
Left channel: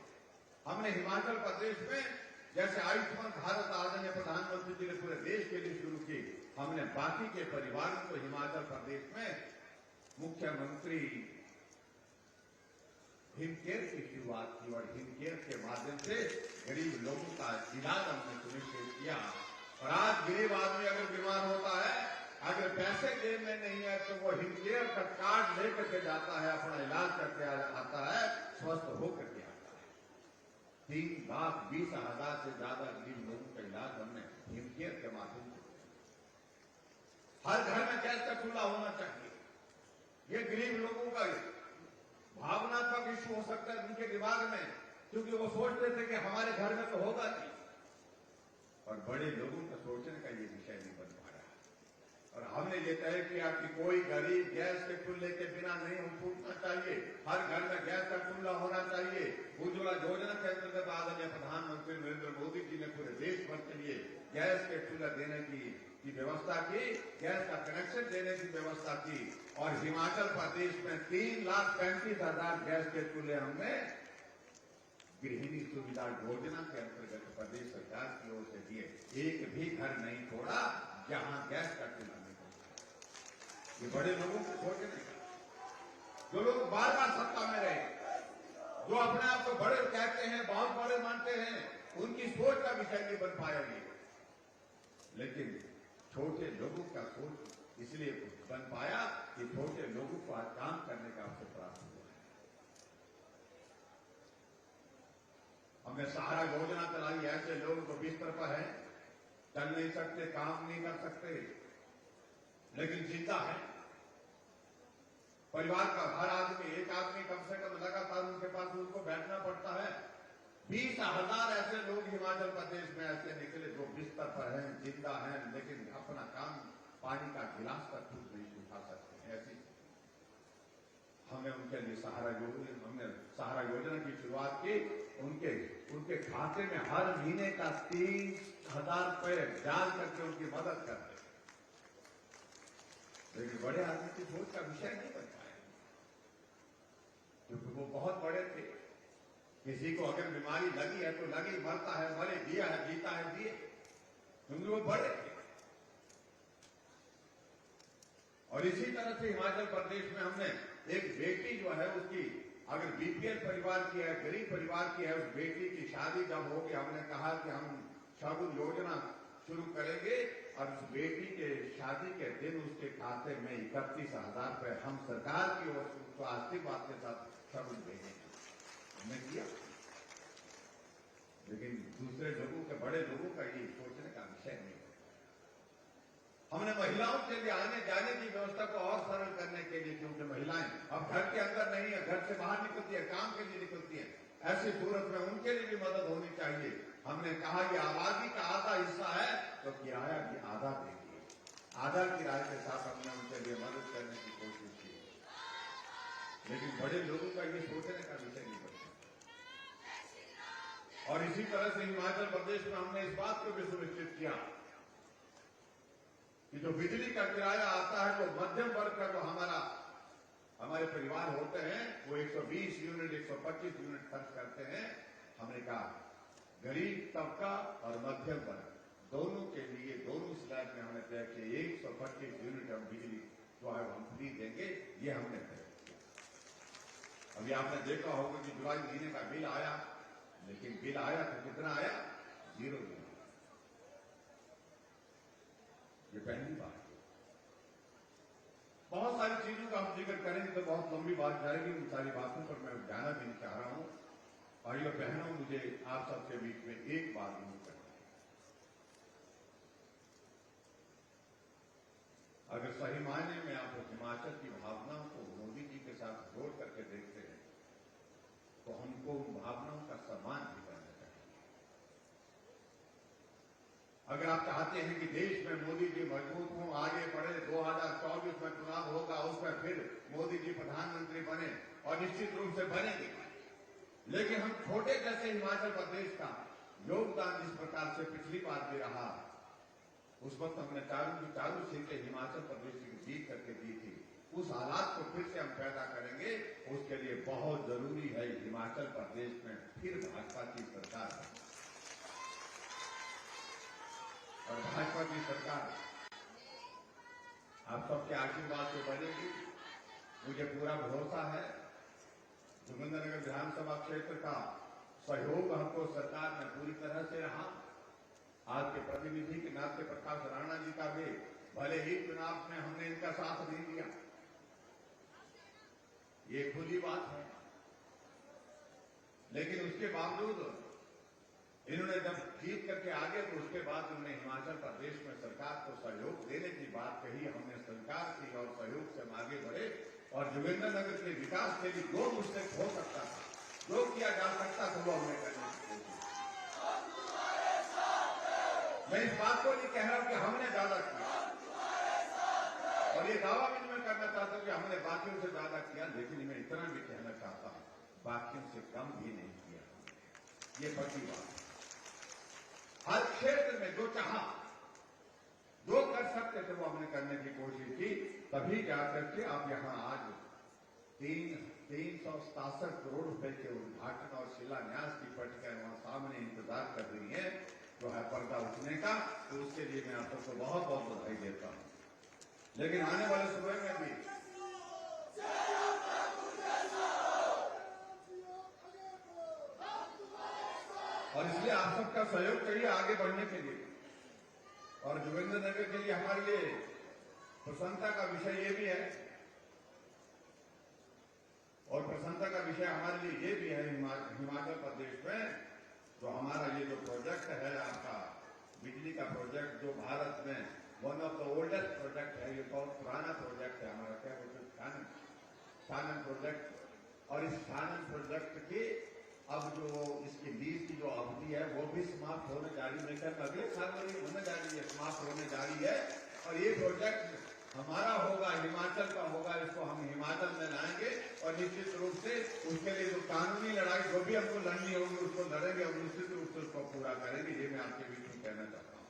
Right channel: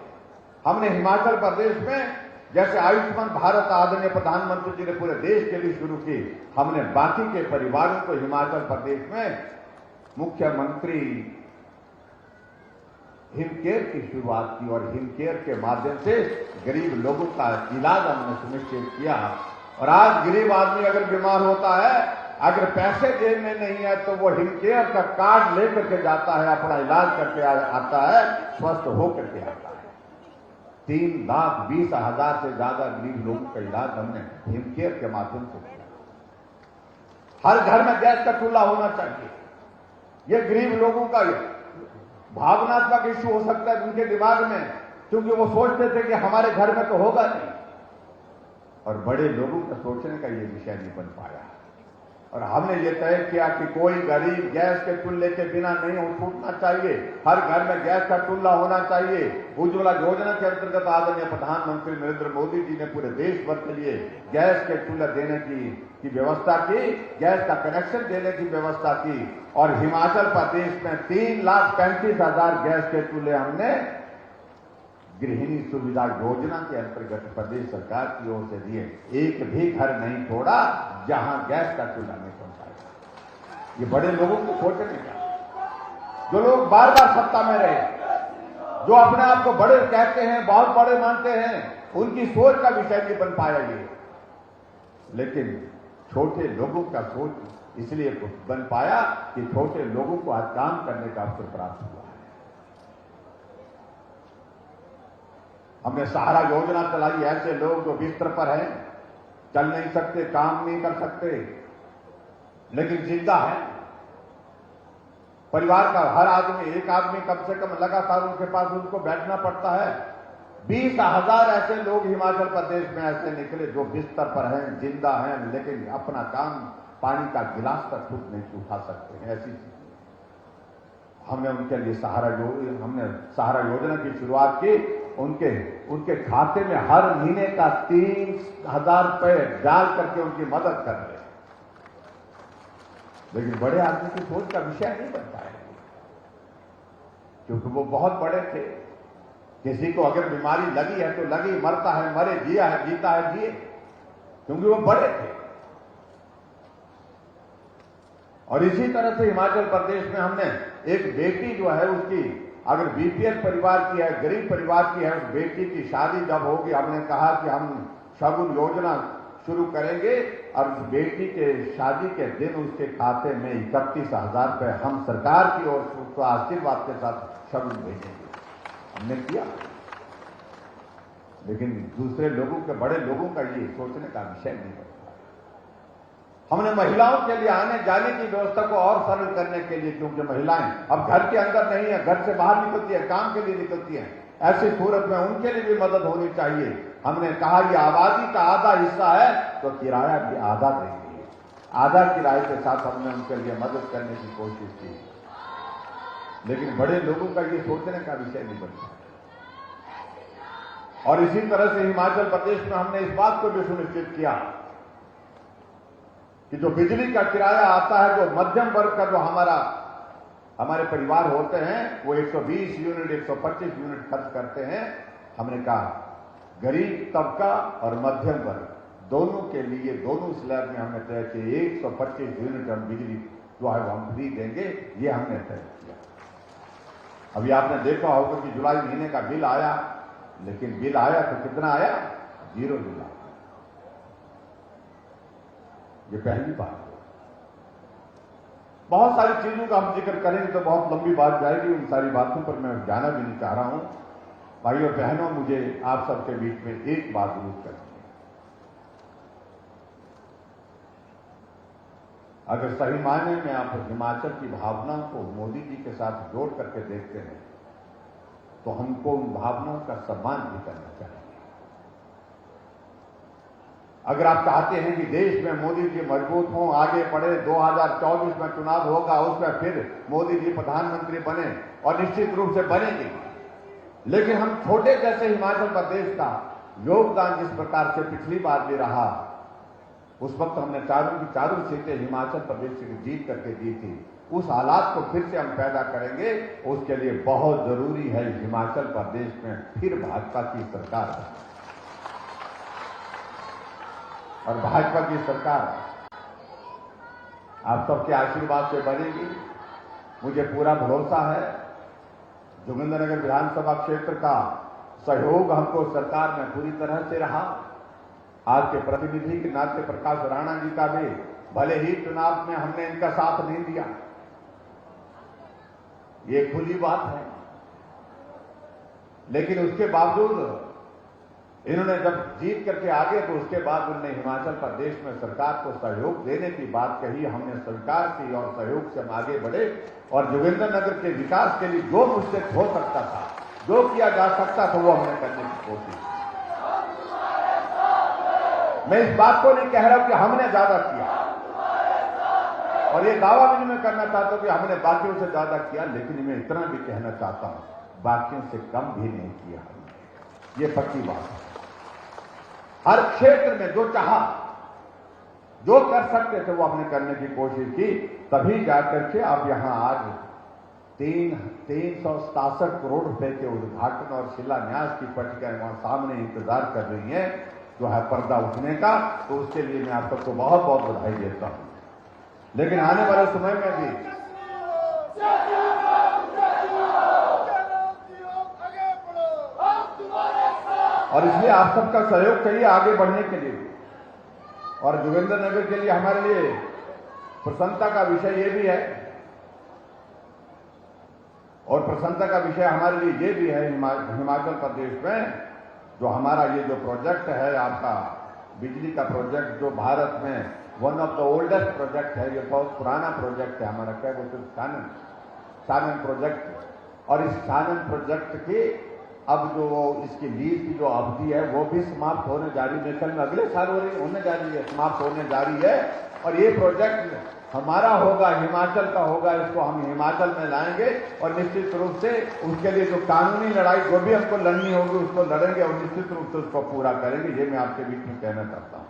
हमने हिमाचल प्रदेश में जैसे आयुष्मान भारत आदरणीय प्रधानमंत्री जी ने पूरे देश के लिए शुरू की, हमने बाकी के परिवारों को हिमाचल प्रदेश में मुख्यमंत्री हिमकेयर की शुरुआत की और हिमकेयर के माध्यम से गरीब लोगों का इलाज हमने सुनिश्चित किया। और आज गरीब आदमी अगर बीमार होता है, अगर पैसे जेब में नहीं है तो वो हिमकेयर का कार्ड लेकर के जाता है, अपना इलाज करके आता है, स्वस्थ होकर के आता है। 3,20,000 से ज्यादा गरीब लोगों का इलाज हमने हिमकेयर के माध्यम से किया। हर घर में गैस का चूल्हा होना चाहिए। ये गरीब लोगों का भावनात्मक इश्यू हो सकता है उनके दिमाग में, क्योंकि वो सोचते थे कि हमारे घर में तो होगा नहीं, और बड़े लोगों का सोचने का ये विषय नहीं बन पाया। और हमने ये तय किया कि कोई गरीब गैस के चूल्हे के बिना नहीं छूटना चाहिए, हर घर में गैस का चूल्हा होना चाहिए। उज्ज्वला योजना के अंतर्गत आदरणीय प्रधानमंत्री नरेंद्र मोदी जी ने पूरे देश भर के लिए गैस के चूल्हे देने की व्यवस्था की, गैस का कनेक्शन देने की व्यवस्था की, और हिमाचल प्रदेश में 3,35,000 गैस के चूल्हे हमने गृहिणी सुविधा योजना के अंतर्गत प्रदेश सरकार की ओर से दिए। एक भी घर नहीं छोड़ा जहां गैस का चूल्हा नहीं पहुंचाया। ये बड़े लोगों को सोचने का, जो लोग बार बार सत्ता में रहे, जो अपने आप को बड़े कहते हैं, बहुत बड़े मानते हैं, उनकी सोच का विषय नहीं बन पाया ये। लेकिन छोटे लोगों का सोच इसलिए बन पाया कि छोटे लोगों को आज काम करने का अवसर प्राप्त हुआ है। हमने सहारा योजना चलाई, ऐसे लोग जो बिस्तर पर हैं, चल नहीं सकते, काम नहीं कर सकते, लेकिन जिंदा है। परिवार का हर आदमी, एक आदमी कम से कम लगातार उनके पास उनको बैठना पड़ता है। 20,000 ऐसे लोग हिमाचल प्रदेश में ऐसे निकले जो बिस्तर पर हैं, जिंदा हैं, लेकिन अपना काम, पानी का गिलास तक खुद नहीं उठा सकते हैं। ऐसी हमने उनके लिए हमने सहारा योजना की शुरुआत की। उनके खाते में हर महीने का 3,000 रुपए डाल करके उनकी मदद कर रहे। लेकिन बड़े आदमी की सोच का विषय नहीं बनता है, क्योंकि वो बहुत बड़े थे। किसी को अगर बीमारी लगी है तो लगी, मरता है मरे, जिया है जीता है जिए, क्योंकि वो बड़े थे। और इसी तरह से हिमाचल प्रदेश में हमने एक बेटी जो है, उसकी अगर बीपीएल परिवार की है, गरीब परिवार की है, उस बेटी की शादी जब होगी, हमने कहा कि हम शगुन योजना शुरू करेंगे और उस बेटी के शादी के दिन उसके खाते में 31,000 रुपए हम सरकार की ओर से उसको आशीर्वाद के साथ शगुन भेजेंगे। हमने किया। लेकिन दूसरे लोगों के, बड़े लोगों का ये सोचने का विषय नहीं बनता। हमने महिलाओं के लिए आने जाने की व्यवस्था को और सरल करने के लिए, क्योंकि महिलाएं अब घर के अंदर नहीं है, घर से बाहर निकलती है, काम के लिए निकलती हैं, ऐसी सूरत में उनके लिए भी मदद होनी चाहिए। हमने कहा ये आबादी का आधा हिस्सा है तो किराया भी आधा देंगे, आधा किराए के साथ हमने उनके लिए मदद करने की कोशिश की। लेकिन बड़े लोगों का ये सोचने का विषय नहीं बनता। और इसी तरह से हिमाचल प्रदेश में हमने इस बात को भी सुनिश्चित किया कि जो बिजली का किराया आता है, जो मध्यम वर्ग का जो हमारे परिवार होते हैं, वो 120 यूनिट 125 यूनिट खर्च करते हैं। हमने कहा गरीब तबका और मध्यम वर्ग दोनों के लिए, दोनों स्लैब में हमने तय किया 125 यूनिट हम बिजली जो है वो हम फ्री देंगे। ये हमने तय किया। अभी आपने देखा होगा कि जुलाई महीने का बिल आया, लेकिन बिल आया तो कितना आया? 0 बिल आया। ये पहली बात है। बहुत सारी चीजों का हम जिक्र करेंगे तो बहुत लंबी बात जाएगी, उन सारी बातों पर मैं जाना भी नहीं चाह रहा हूं। भाई और बहनों, मुझे आप सबके बीच में एक बात जरूर करनी है। अगर सही मायने में आप हिमाचल की भावनाओं को मोदी जी के साथ जोड़ करके देखते हैं तो हमको उन भावनाओं का सम्मान भी करना चाहिए। अगर आप चाहते हैं कि देश में मोदी जी मजबूत हों, आगे बढ़े, 2024 में चुनाव होगा, उसमें फिर मोदी जी प्रधानमंत्री बने, और निश्चित रूप से बनेंगे, लेकिन हम छोटे जैसे हिमाचल प्रदेश का योगदान जिस प्रकार से पिछली बार भी रहा, उस वक्त हमने चारों की चारों सीटें हिमाचल प्रदेश से जीत करके दी थी, उस हालात को फिर से हम पैदा करेंगे। उसके लिए बहुत जरूरी है हिमाचल प्रदेश में फिर भाजपा की सरकार है, और भाजपा की सरकार आप सबके आशीर्वाद से बनेगी। मुझे पूरा भरोसा है जोगिंद्रनगर विधानसभा क्षेत्र का सहयोग हमको सरकार में पूरी तरह से रहा। आपके प्रतिनिधि के नाते प्रकाश राणा जी का भी, भले ही चुनाव में हमने इनका साथ नहीं दिया, ये खुली बात है, लेकिन उसके बावजूद इन्होंने जब जीत करके आगे तो उसके बाद उन्होंने हिमाचल प्रदेश में सरकार को सहयोग देने की बात कही। हमने स्वीकार की और सहयोग से हम आगे बढ़े और जोगिंद्रनगर के विकास के लिए जो मुझसे हो सकता था, जो किया जा सकता था, वो हमने करने की कोशिश की। मैं इस बात को नहीं कह रहा हूं कि हमने ज्यादा किया और ये दावा भी मैं करना चाहता हूं कि हमने बाकियों से ज्यादा किया, लेकिन मैं इतना भी कहना चाहता हूं बाकियों से कम भी नहीं किया हमने। ये पक्की बात है। हर क्षेत्र में जो चाहा, जो कर सकते थे वो हमने करने की कोशिश की, तभी जाकर के अब यहां आज 367 करोड़ रुपए के उद्घाटन और शिलान्यास की पट्टिकाएं वहां सामने इंतजार कर रही हैं, जो है पर्दा उठने का। तो उसके लिए मैं आप सबको बहुत बहुत बधाई देता हूं। लेकिन आने वाले समय में भी और इसलिए आप सबका सहयोग चाहिए आगे बढ़ने के लिए। और जोगिंद्रनगर के लिए हमारे लिए प्रसन्नता का विषय ये भी है, और प्रसन्नता का विषय हमारे लिए ये भी है हिमाचल प्रदेश में जो हमारा ये जो प्रोजेक्ट है आपका बिजली का प्रोजेक्ट, जो भारत में one of the oldest project है, ये बहुत पुराना प्रोजेक्ट है हमारा, क्या बोलते हैं, सानन प्रोजेक्ट। और इस सानन प्रोजेक्ट की अब जो इसकी लीज की जो अवधि है वो भी समाप्त होने जा रही है। कल में अगले साल होने जा रही है, समाप्त होने जा रही है। और ये प्रोजेक्ट हमारा होगा, हिमाचल का होगा, इसको हम हिमाचल में लाएंगे और निश्चित रूप से उसके लिए जो कानूनी लड़ाई जो भी हमको लड़नी होगी उसको लड़ेंगे और निश्चित रूप से उसको पूरा करेंगे। ये मैं आपके बीच में कहना चाहता हूं।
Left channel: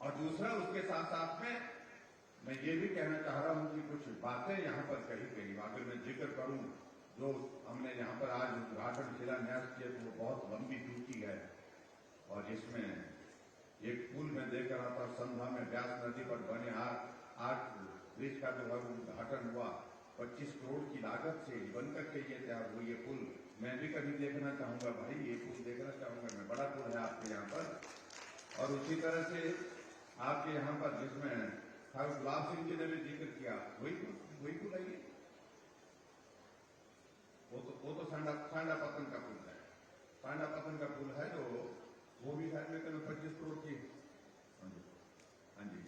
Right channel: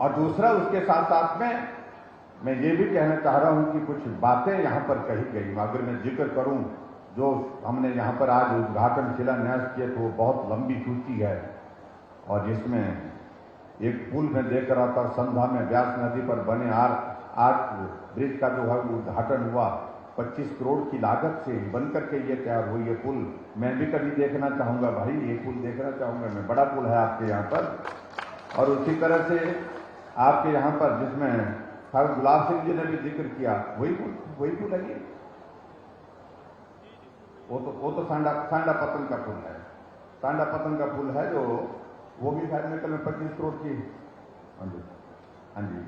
और दूसरा, उसके साथ साथ में मैं ये भी कहना चाह रहा हूं कि कुछ बातें यहां पर कही गई, अगर मैं जिक्र करूं जो हमने यहाँ पर आज उद्घाटन शिलान्यास किया तो वो बहुत लंबी सूची है। और जिसमें एक पुल में देख रहा था संधा में व्यास नदी पर बने आर्क ब्रिज का जो है उद्घाटन हुआ, 25 करोड़ की लागत से बनकर के ये तैयार हुई ये पुल। मैं भी कभी देखना चाहूंगा भाई, ये पुल देखना चाहूंगा मैं, बड़ा पुल है आपके यहाँ पर। और उसी तरह से आपके यहाँ पर जिसमें गुलाब सिंह जी ने भी जिक्र किया, वही पुल है ये। वो तो सांडा पतन का पुल है, सांडा पतन का पुल है जो वो भी शायद में कल 25 करोड़ की। हाँ जी।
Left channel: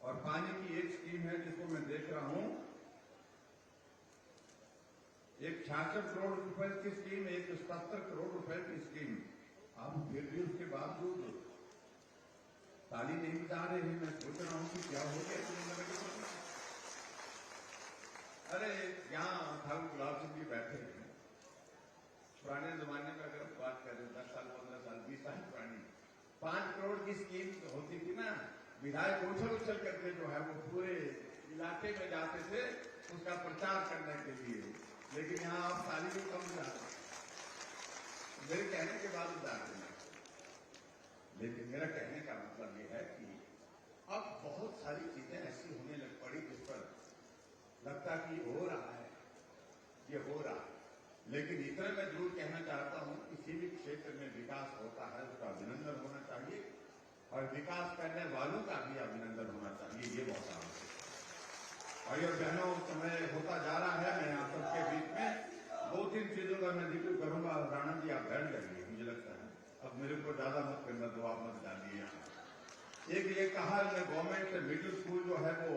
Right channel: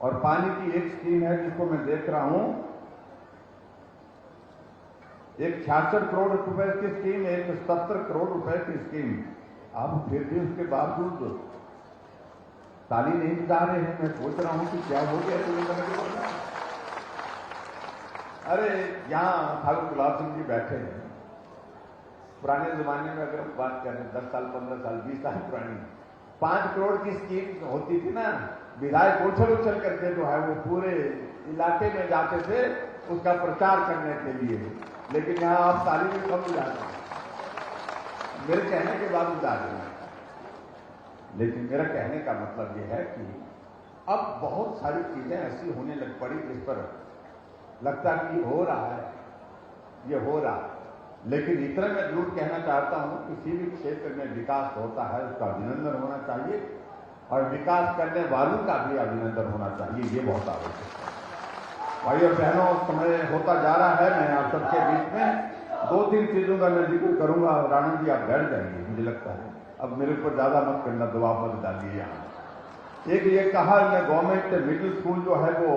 और पानी की एक स्कीम है जिसको मैं देख रहा हूं, एक 66 करोड़ रुपए की स्कीम, एक 70 करोड़ रुपए की स्कीम। आप फिर भी उसके बावजूद ताली नहीं बजा रहे हैं। मैं सोच रहा हूं कि क्या हो गया। अरे यहाँ ठाकुर गुलाब सिंह जी बैठे हैं, पुराने जमाने में अगर हम बात करें 10 साल 15 साल 20 साल पुरानी 5 करोड़ की स्कीम होती थी ना, विधायक उछल करके जो है वो पूरे इलाके में जाते थे उसका प्रचार करने के लिए। लेकिन यहाँ आप ताली में कम जा रहे हैं, मेरे कहने के बाद जा रहे हैं। लेकिन मेरा कहने का मतलब ये है कि अब बहुत सारी चीजें ऐसी होने लग पड़ी जिस पर लगता कि हो रहा है, ये हो रहा है। लेकिन इतना मैं जरूर कहना चाहता हूं, किसी भी क्षेत्र में विकास होता है उसका अभिनंदन होना चाहिए और विकास करने वालों का भी अभिनंदन होना चाहिए, ये बहुत आवश्यक है। भाई और बहनों, समय होता जा रहा है, मैं आप सबके बीच में 2-3 चीजों का मैं जिक्र करूंगा। राणा जी आप बैठ जाएंगे, मुझे लगता है अब मेरे ऊपर ज्यादा मत करना, दबाव मत डालिए। यहाँ एक ये कहा गवर्नमेंट मिडिल स्कूल जो है वो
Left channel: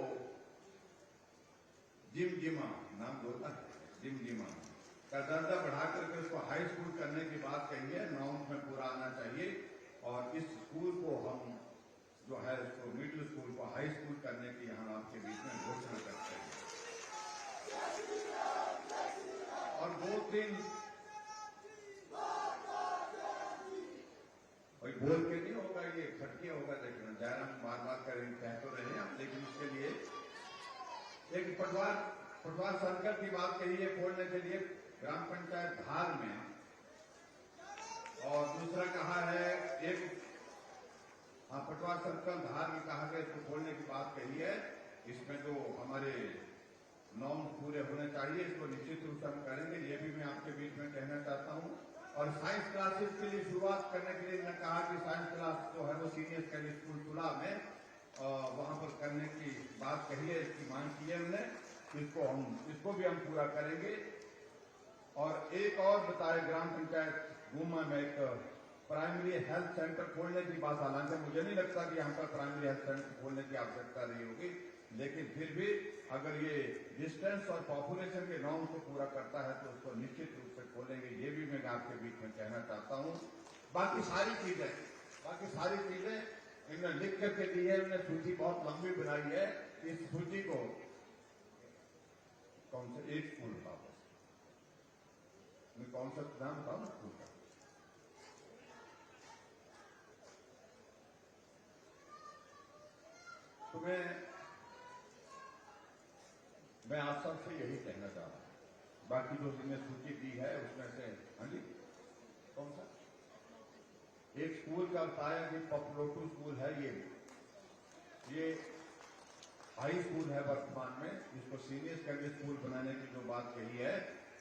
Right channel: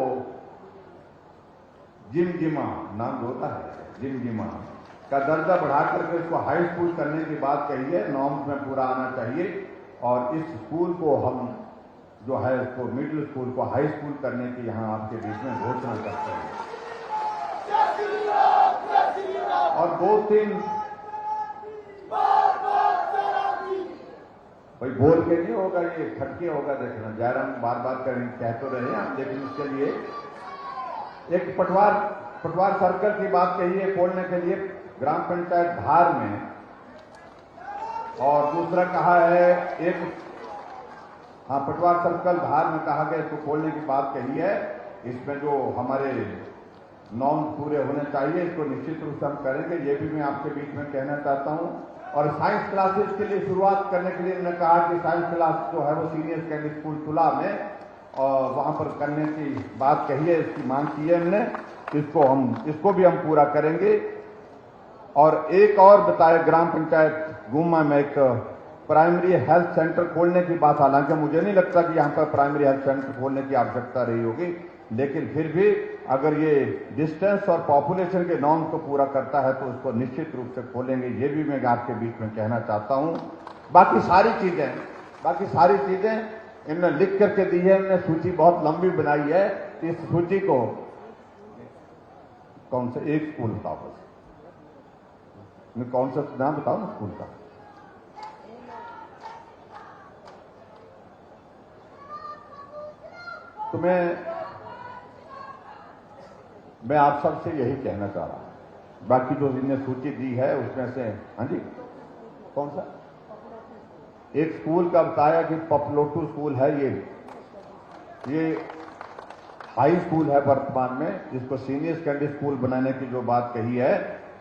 जिमजिमा नाम होता है, जिमजिमा का दर्जा बढ़ा करके इसको हाई स्कूल करने की बात कही है, नॉर्म्स में पूरा आना चाहिए। और इस स्कूल को हम जो है इसको मिडिल स्कूल को हाई स्कूल करने की यहाँ आपके बीच में घोषणा करते हैं। और 2-3 भाई बोल के नहीं होगा, ये खटके होगा, देखना जयराम बार बार करेंगे, कह तो रहे हैं। लेकिन उसके लिए एक पटवार सर्कल की बात कही है खोलने के लिए ग्राम पंचायत धार में, और दूसरा कहा है एक पटवार सर्कल धार में कहा गया इसको खोलने की बात कही है। इसमें जो हमारे नॉर्म पूरे होने चाहिए, इसको निश्चित रूप से हम करेंगे, ये भी मैं आपके बीच में कहना चाहता हूं। और साइंस क्लासेस के लिए शुरुआत करने के लिए मैंने कहा कि साइंस क्लास जो है वो सीनियर सेकेंडरी स्कूल तुला में और वहां पर करने की बात कही है, इसकी मांग की है हमने, इसको भी हम पूरा करेंगे। और एक और बताए ग्राम पंचायत गुम्मा में एक प्राइमरी हेल्थ सेंटर खोलने की बात, हालांकि मुझे नहीं लगता कि यहाँ पर प्राइमरी हेल्थ सेंटर खोलने की आवश्यकता रही होगी, लेकिन फिर भी अगर ये डिस्टेंस और पॉपुलेशन के नॉर्म को पूरा करता है तो उसको निश्चित रूप से खोलेंगे। ये भी मैं आपके बीच में कहना चाहता हूँ। बाकी सारी चीजें इनने लिख करके दी है, इनने सूची बहुत लंबी बनाई है। इस सूची को कौन सा एक स्कूल बताओ, बस मैं कौन सा नाम बताओ ना स्कूल का। तो मैं आप सबसे यही कहना चाह रहा हूं। बाकी जो इनने सूची दी है उसमें से, हाँ जी, कौन सा एक स्कूल का बताया कि पपलोटू स्कूल है, ये हाई स्कूल है वर्तमान में, जिसको सीनियर सेकेंडरी स्कूल बनाने की जो बात कही है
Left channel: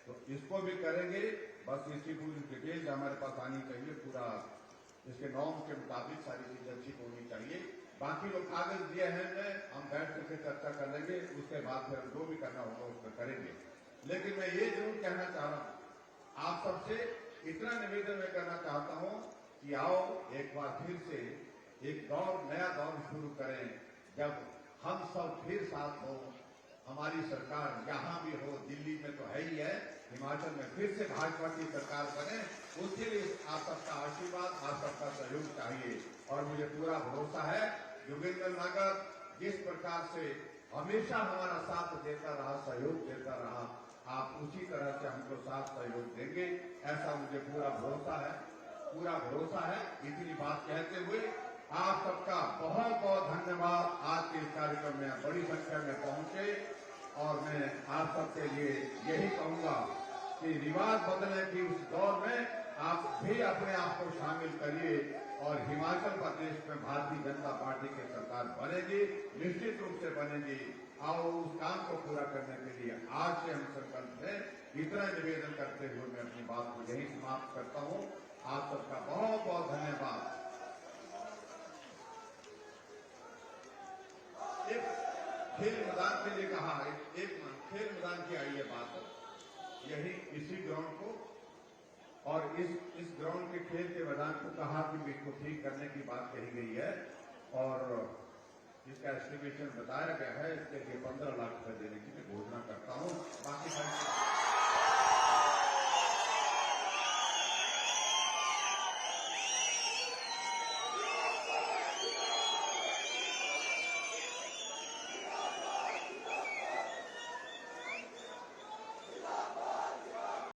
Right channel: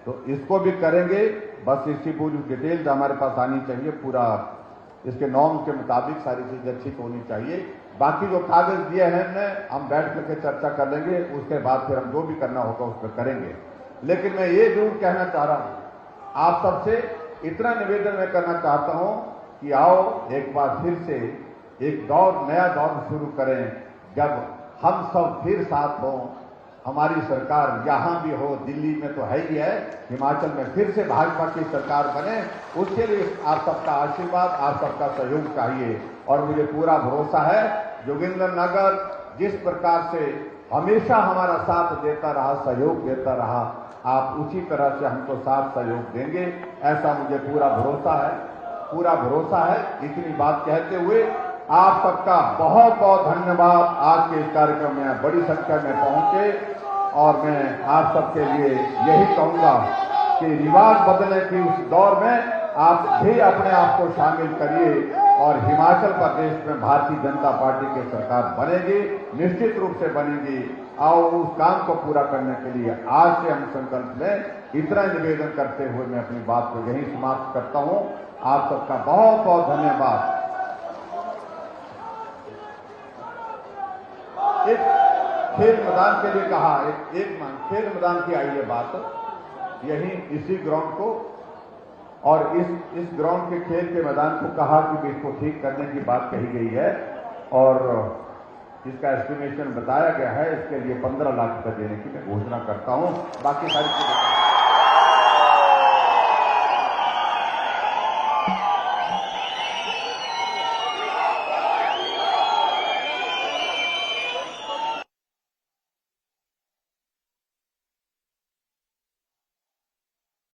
तो इसको भी करेंगे। बस इसकी पूरी डिटेल्स हमारे पास आनी चाहिए, पूरा इसके नॉर्म्स के मुताबिक सारी चीजें ठीक होनी चाहिए। बाकी जो कागज दिए हैं हम बैठ करके चर्चा कर लेंगे, उसके बाद फिर हम जो भी करना होगा उस पर करेंगे। लेकिन मैं ये जरूर कहना चाह रहा हूं, आप सबसे इतना निवेदन मैं करना चाहता हूं कि आओ एक बार फिर से एक नया दौर शुरू करें, जब हम सब फिर साथ हों। हमारी सरकार यहां भी हो, दिल्ली में तो है ही है, हिमाचल में फिर से भाजपा की सरकार बने, उसके लिए आप सबका आशीर्वाद, आप सबका सहयोग चाहिए। और मुझे पूरा भरोसा है जोगिंद्रनगर जिस प्रकार से हमेशा हमारा साथ देता रहा, सहयोग देता रहा, आप उसी तरह से हमको साथ सहयोग देंगे, ऐसा मुझे पूरा भरोसा है। इतनी बात कहते हुए आप सबका बहुत बहुत धन्यवाद। आज के इस कार्यक्रम में बड़ी संख्या में पहुंचे और मैं आप सबके लिए यही कहूंगा कि रिवाज बदलने की उस दौर में आप भी अपने आप को शामिल करिए और हिमाचल प्रदेश में भारतीय जनता पार्टी की सरकार बनेगी, निश्चित रूप से बनेगी। और उस काम को पूरा करने के लिए आज से हम संकल्प लें। इतना निवेदन करते हुए मैं अपनी बात को यहीं समाप्त करता हूं। आप सबका बहुत बहुत धन्यवाद। एक खेल मैदान के लिए कहा, खेल मैदान की आई है बात, यही इसी ग्राउंड को और इस ग्राउंड के खेल के मैदान को कहा कि इसको ठीक करने की बात कही गई है और इसका एस्टिमेशन बताया गया है। इसके लिए 15 लाख रुपए देने की मैं घोषणा करता हूं। बाकी सारी चीजें